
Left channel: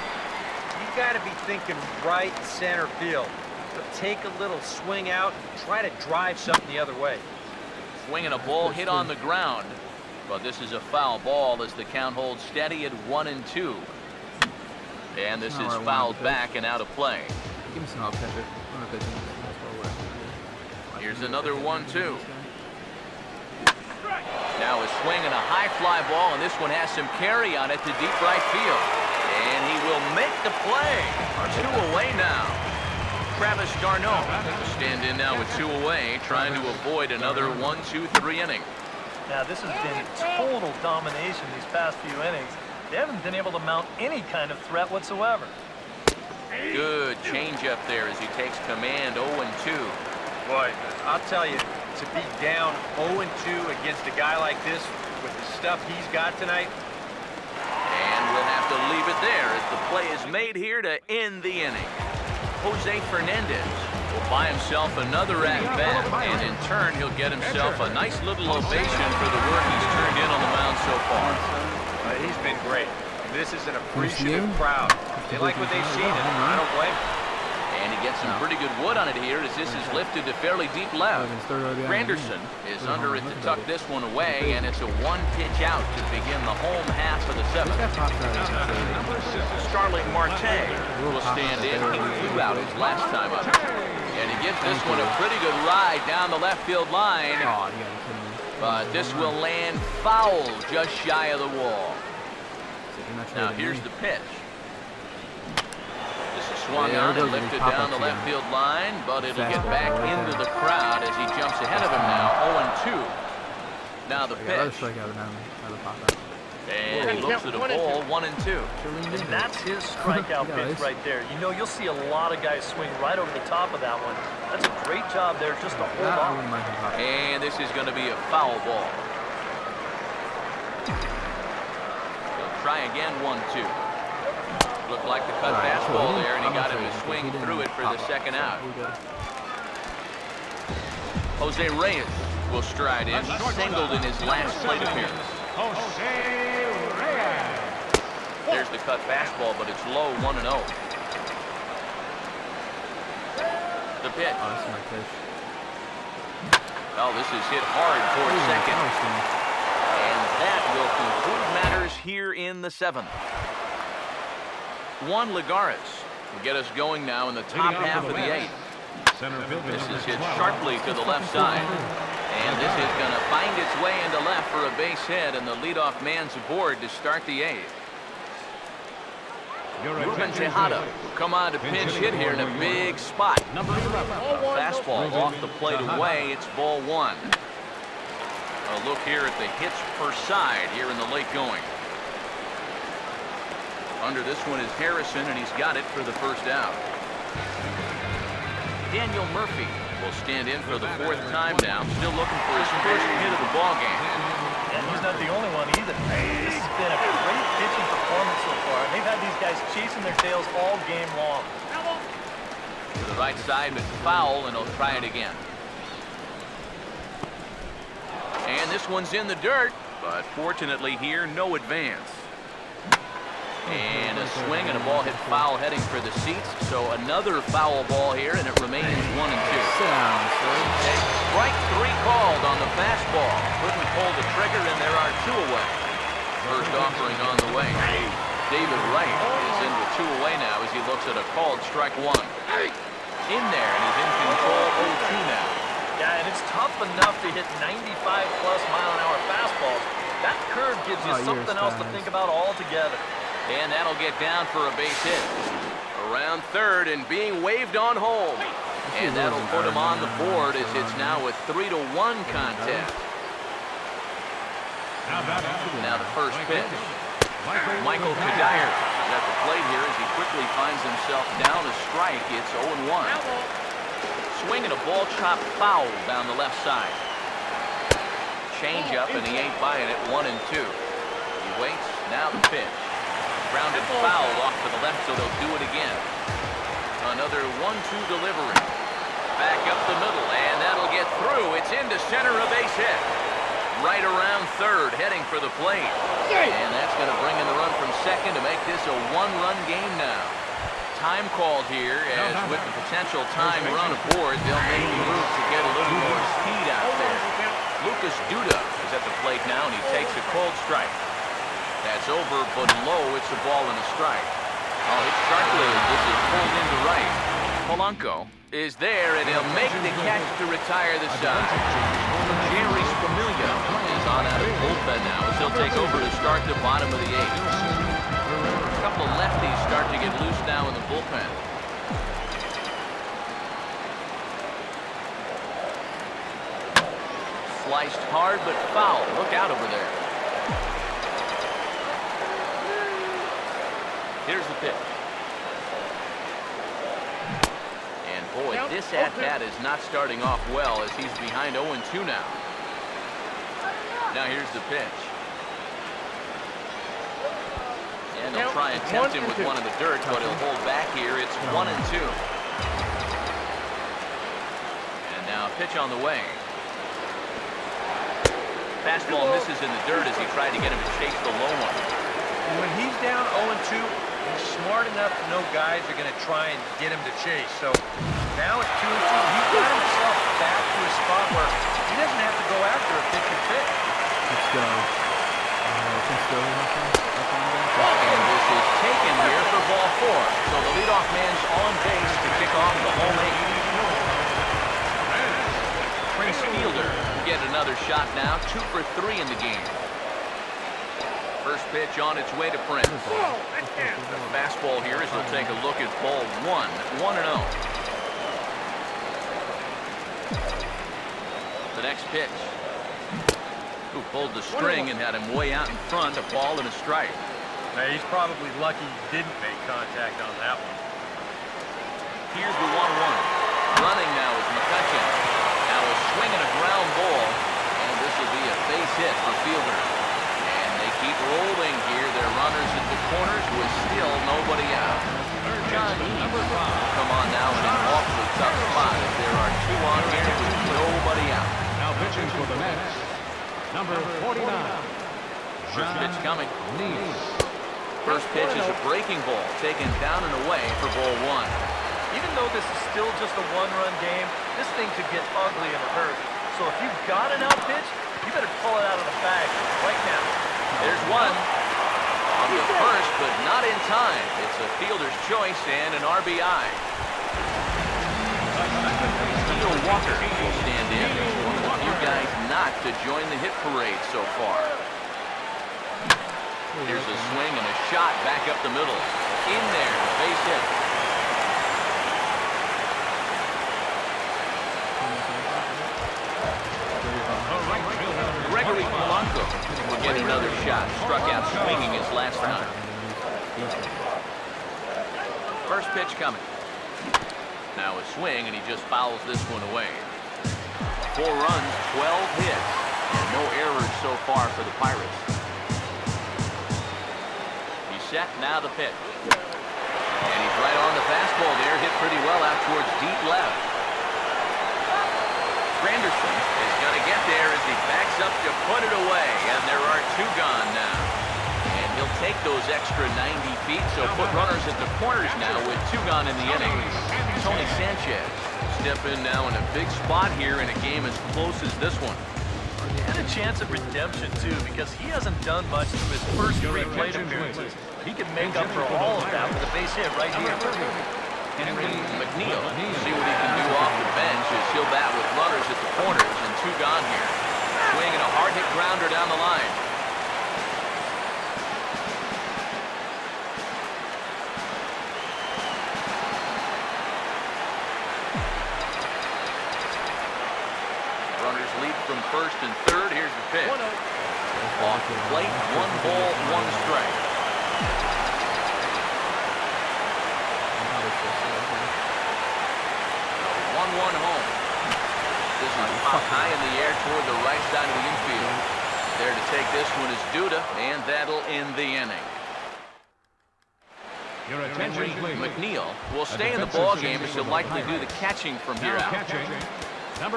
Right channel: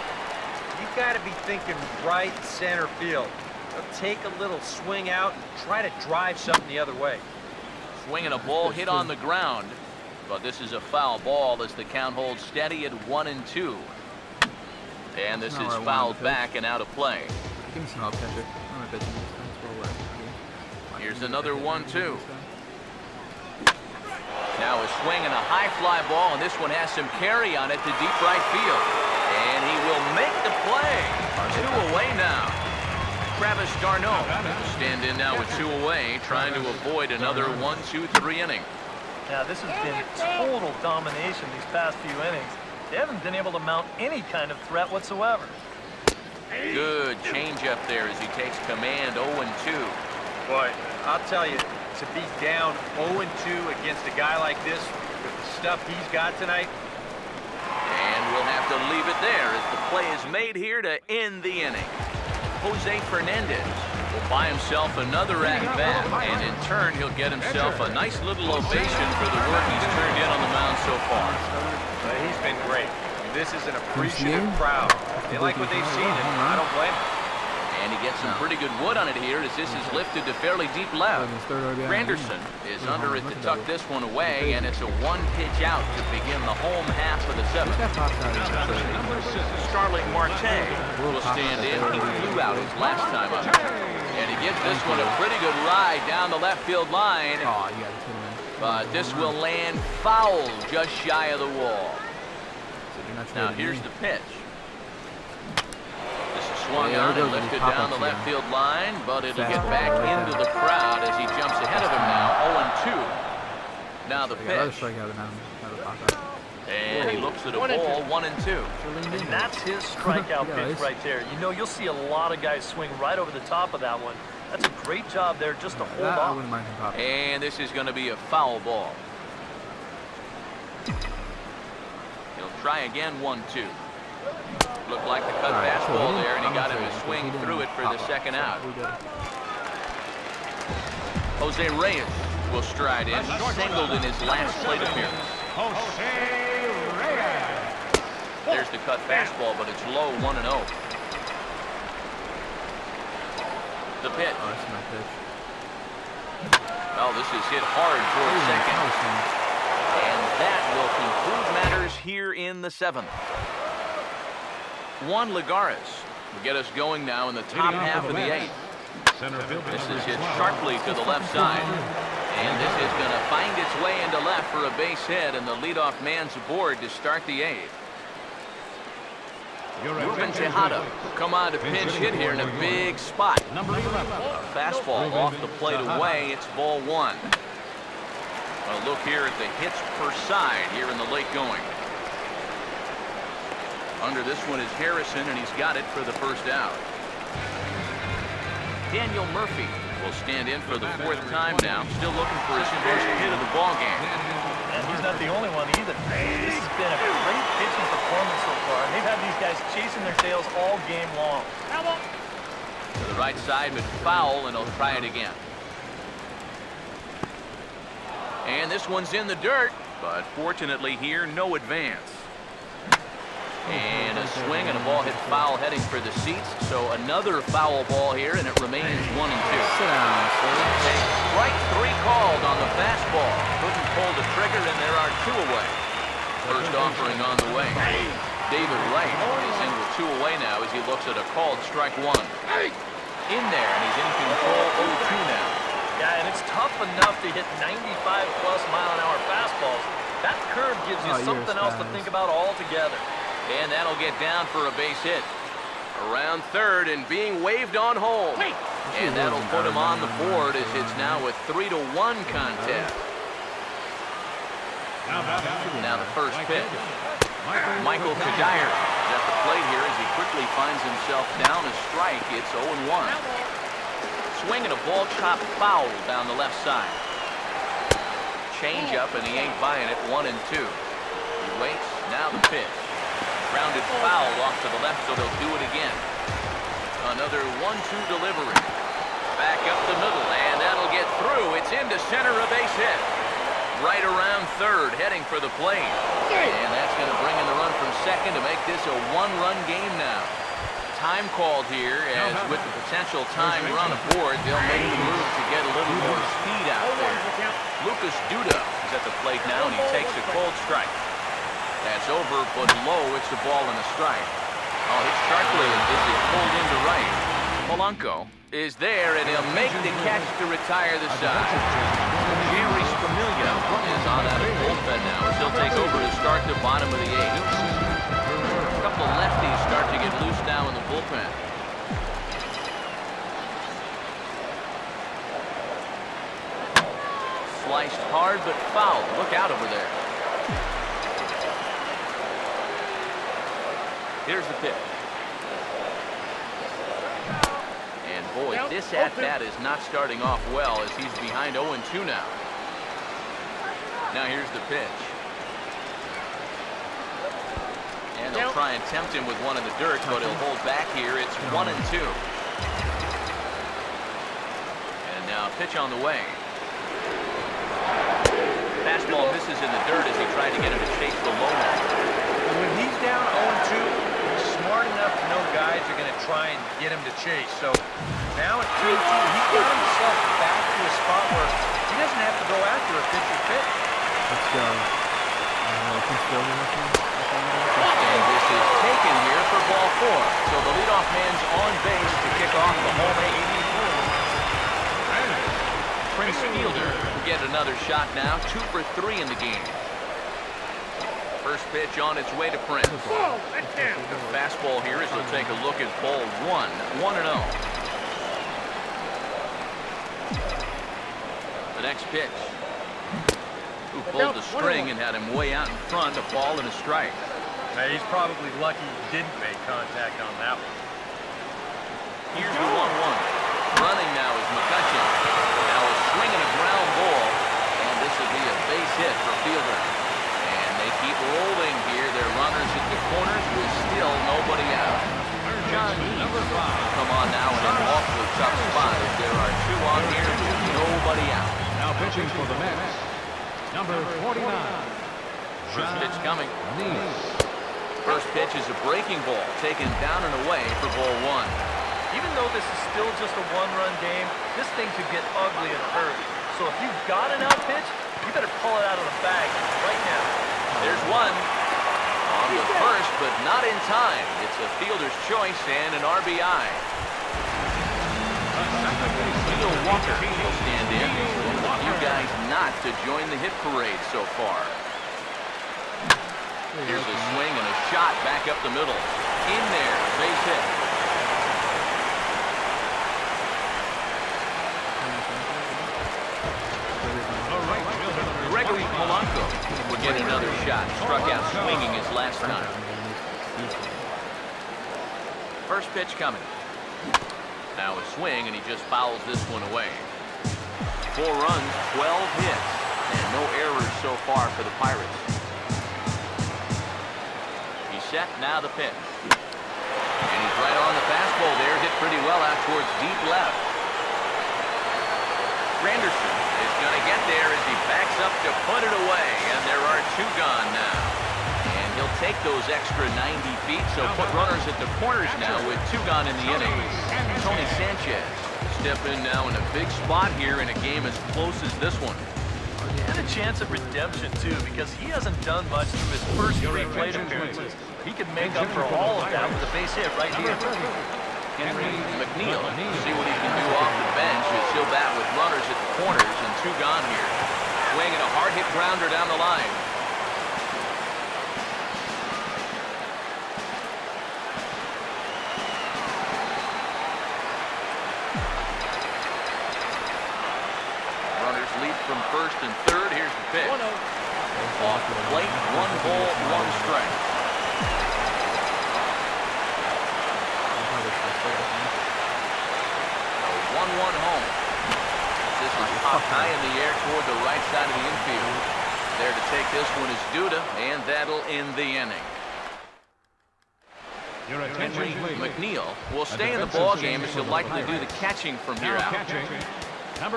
you've got to be thinking right center field. They'll take a little swing out and try to drive something the other way. Swinging a ball hit on the ground, but this is a foul ball as the count holds steady at 1-2. And this is fouled back and out of play. Give me some help, catcher. I'm not pitching this fastball. Here's another 1-2. Now a swing and a high fly ball, and this one has some carry on it to deep right field. And he will make the play. 2 away now. Travis d'Arnaud will stand in now with 2 away, trying to avoid another 1-2-3 inning. Now this has been total domination these past few innings. They haven't been able to mount any kind of threat whatsoever. Good changeup there as he takes command. 0-2. Boy, I'll tell you, to be down 0-2 against a guy like this with the stuff he's got tonight. And we'll have have to leave it there as the play is made here to end the inning. Jose Fernandez will buy himself another at-bat, and in turn, he'll get himself a nice little ovation for the work he's turned in on the mound so far. He's been great. This is an appreciative crowd. They like what they've seen, and I don't blame them. And he gets some pretty good wood on it here as this is lifted to fairly deep left. Granderson is under it to tuck this one away, and it's a one-pitch out to begin the home half of the seventh. Starling Marte will stand in. He flew out his last time up. And he gives this one a pretty good ride down the left field line. Oh, you gotta be kidding me. But this will land foul just shy of the wall. Now here's the pitch. This is swung on and lifted down the left field line, but it'll get back into the crowd as he jumps ahead of him now, 0-2. Now the pitch. And he looks at a ball, 1-2. And that's his strikeout pitch right there. You know, you'll see a lot of guys swing right over the top of that one. That's a great job there just to hold on. And this is going to be a foul ball. He'll try again, 1-2. Looked like the cut fastball there, and he got him to swing through it for the second out. Jose Reyes will stride in. He singled in his last plate appearance. There's the cut fastball, but it's low, 1-0. The pitch. Oh, this is my pitch. Oh, this is hit hard towards second. And that will conclude matters here in the seventh. Juan Lagares will get us going now in the top half of the eighth. This is hit sharply to the left side. And this is going to find its way into left for a base hit, and the leadoff man's aboard to start the eighth. Ruben Tejada will come on to pinch hit here in a big spot. A fastball off the plate away. It's ball one. A look here at the hits per side here in the late going. Under this one is Harrison, and he's got it for the first out. Daniel Murphy will stand in for the fourth time now, still looking for his first hit of the ball game. And he's not the only one either. This has been a great pitching performance so far, and they've had these guys chasing their tails all game long. To the right side, but foul, and he'll try it again. And this one's in the dirt, but fortunately here, no advance. And a swing and a ball hit foul heading for the seats. So another foul ball here, and it remains 1-2. Sit down, sir. Take strike three called on the fastball. Couldn't pull the trigger, and there are two away. First offering on the way. David Wright is in with two away now as he looks at a called strike one. In there, and he's in control 0-2 now. Yeah, and it's tough enough to hit 95-plus mile-an-hour fastballs. That curve gives you something else to think about altogether. And that'll get down for a base hit. Around third and being waved on home. And that'll put him on the board as it's now a 3-1 contest. Now the first pitch. Michael Kadire is at the plate here as he quickly finds himself down a strike. It's 0-1. Swinging a ball chopped foul down the left side. Change up, and he ain't buying it. 1-2. He waits. Now the pitch. Grounded foul off to the left, so they'll do it again. Another 1-2 delivery. Back up the middle, and that'll get through. It's into center, a base hit. Right around third, heading for the plate. And that's going to bring in the run from second to make this a one-run game now. Time called here, as with the potential tying run aboard, they'll make the move to get a little more speed out there. Lucas Duda is at the plate now, and he takes a cold strike. That's over, but low. It's a ball and a strike. Oh, hit sharply as this is pulled into right. Polanco is there, and he'll make the catch to retire the side. Jerry Spamiglia is on out of the bullpen now as he'll take over to start the bottom of the eighth. A couple of lefties start to get loose now in the bullpen. Sliced hard, but foul. Look out over there. Here's the pitch. And boy, this at-bat is not starting off well as he's behind 0-2 now. Now here's the pitch. And they'll try and tempt him with one in the dirt, but he'll hold back here. It's 1-2. And now a pitch on the way. Fastball misses in the dirt as he tried to get him to chase the low one. And when he's down 0-2, he's smart enough to know guys are going to try and get him to chase. So now at 2-2, he's got himself back to a spot where he doesn't have to go after a pitcher's pitch. Let's go. And this is taken here for ball 4. So the leadoff man's on base to kick off the home 8. Prince Fielder will get another shot now. 2 for 3 in the game. First pitch on its way to Prince. The fastball here as he'll take a look at ball 1. 1-0. The next pitch. Who pulled the string and had him way out in front, a ball and a strike. Now, he's probably lucky he didn't make contact on that one. Here's the 1-1. Running now is McCutcheon. Now a swing and a ground ball, and this will be a base hit for Fielder. And they keep rolling here. Their runners at the corners with still nobody out. John Neese will come on now in an awfully tough spot as there are 2 on here with nobody out. Now pitching for the Mets, number 49. First pitch coming. Neese. First pitch is a breaking ball taken down and away for ball 1. Even though this is still just a one-run game, this thing could get ugly in a hurry. So if you've got an out pitch, you better pull it out of the bag right now. There's one. On the first, but not in time. It's a fielder's choice and an RBI. Neil Walker will stand in. One of the few guys not to join the hit parade so far. Here's a swing and a shot back up the middle. In there, a base hit. Gregory Polanco would get another shot. Struck out swinging his last time. First pitch coming. Now a swing, and he just fouls this one away. 4 runs, 12 hits, and no errors so far for the Pirates. He's set, now the pitch. And he's right on the fastball there, hit pretty well out towards deep left. Granderson is going to get there as he backs up to put it away, and there are 2 gone now. And he'll take those extra 90 feet, so put runners at the corners now with 2 gone in the inning. Tony Sanchez step in now in a big spot here in a game as close as this one. And a chance of redemption, too, because he hasn't done much through his first 3 plate appearances. He can make up for all of that with a base hit right here. Henry McNeil, see what he can do off the bench as he'll bat with runners at the corners and 2 gone here. Swing and a hard hit grounder down the line. Runners lead from first and third. Here's the pitch. Off the plate, 1 ball, 1 strike. The 1-1 home. This is popped high in the air toward the right side of the infield. There to take this one is Duda, and that'll end the inning. Henry McNeil will stay in the ball game as he'll likely do the catching from here out. Catching,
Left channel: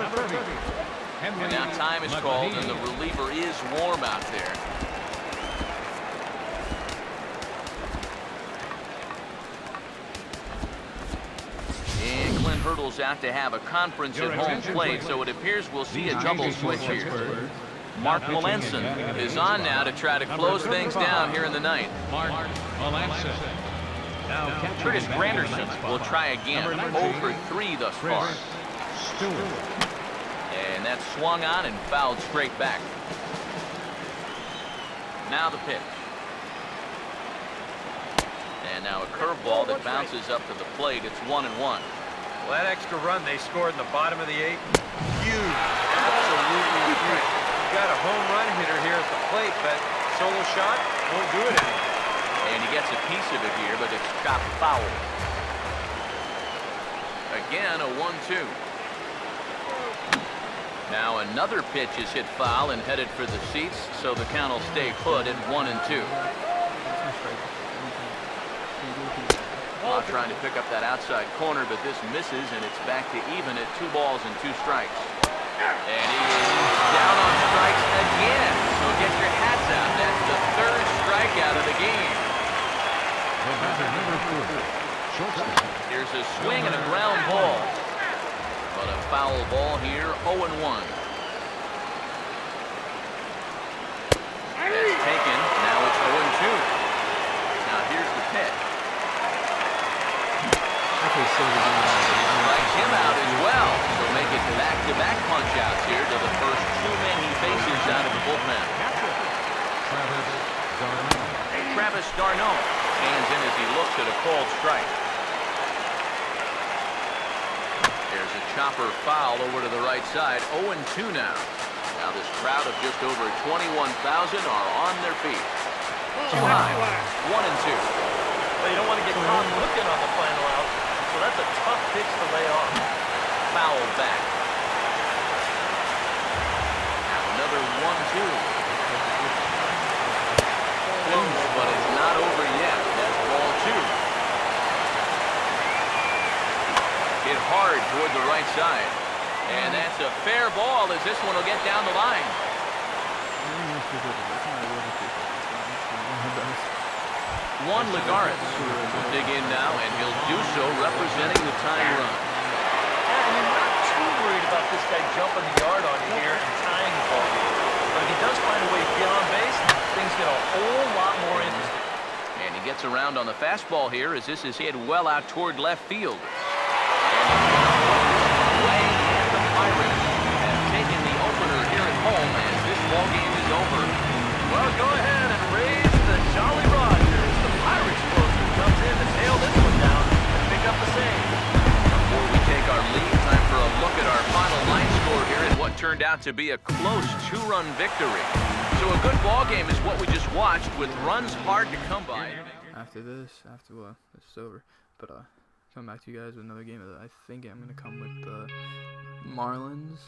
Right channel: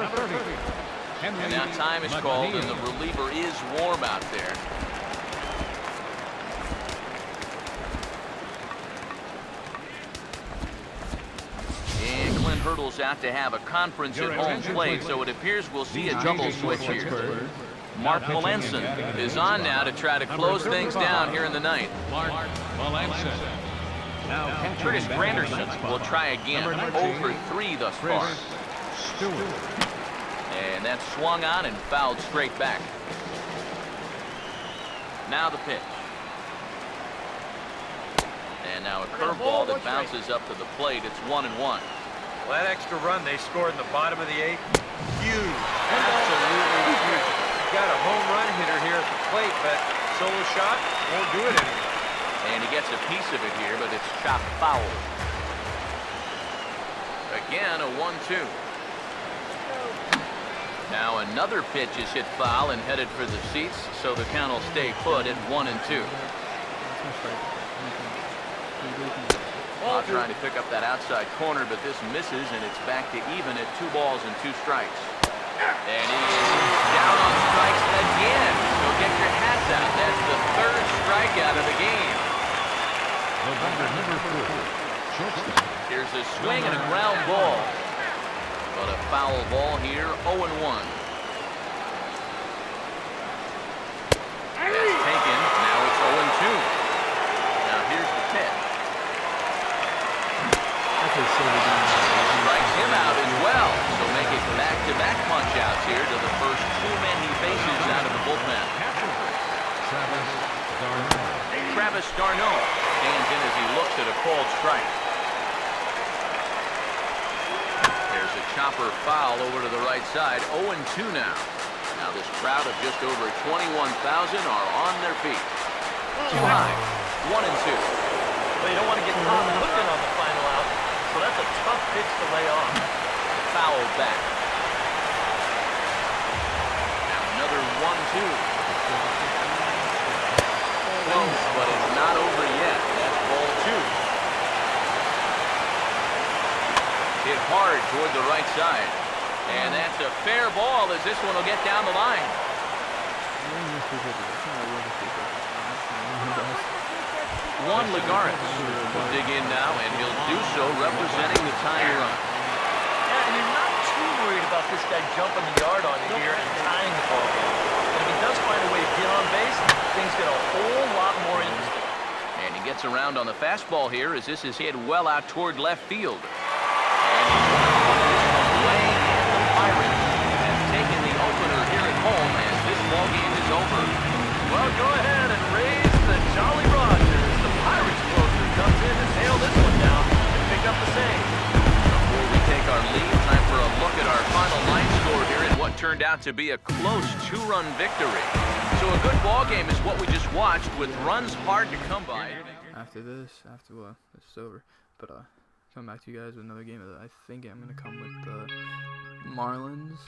number 30. And now time is called, and the reliever is warm out there. And Clint Hurdle's out to have a conference at home plate, so it appears we'll see a double switch here. Mark Melanson is on now to try to close things down here in the ninth. Mark Melanson. Now Curtis Granderson will try again. 0 for 3 thus far. Chris Stewart. And that's swung on and fouled straight back. Now the pitch. And now a curveball that bounces up to the plate. It's 1-1. Well, that extra run they scored in the bottom of the 8th, huge, absolutely huge. You got a home run hitter here at the plate, but solo shot won't do it anymore. And he gets a piece of it here, but it's chopped foul. Again, a 1-2. Now another pitch is hit foul and headed for the seats, so the count will stay put at 1-2. Trying to pick up that outside corner, but this misses, and it's back to even at 2 balls and 2 strikes. And he is down on strikes again. So get your hats out. That's the 3rd strikeout of the game. Here's a swing and a ground ball. But a foul ball here, 0-1. That's taken. Now it's 0-2. Now here's the pitch. Okay, so Strikes him out as well. So make it back-to-back punch-outs here to the first 2 men he faces out of the bullpen. Travis d'Arnaud stands in as he looks at a called strike. There's a chopper foul over to the right side. 0-2 now. Now this crowd of just over 21,000 are on their feet. Too high. 1-2. Well, you don't want to get caught looking on the final out, so that's a tough pitch to lay off. Fouled back. Now another 1-2. Close, but it's not over yet. That's ball 2. Hit hard toward the right side. And that's a fair ball as this one will get down the line. Juan Lagares will dig in now, and he'll do so representing the tying run. Yeah, and you're not too worried about this guy jumping the yard on you here and tying the ball game. But if he does find a way to get on base, things get a whole lot more interesting. And he gets around on the fastball here as this is hit well out toward left field. And he's going to put this one away, and the Pirates have taken the opener here at home as this ball game is over. Well, go ahead and raise the Jolly Rogers. The Pirates closer comes in to nail this one down and pick up the save. Before we take our lead, time for a look at our final line score here in what turned out to be a close 2-run victory. So a good ball game is what we just watched, with runs hard to come by. After this is over. But come back to you guys with another game that I think I'm gonna come with the Marlins.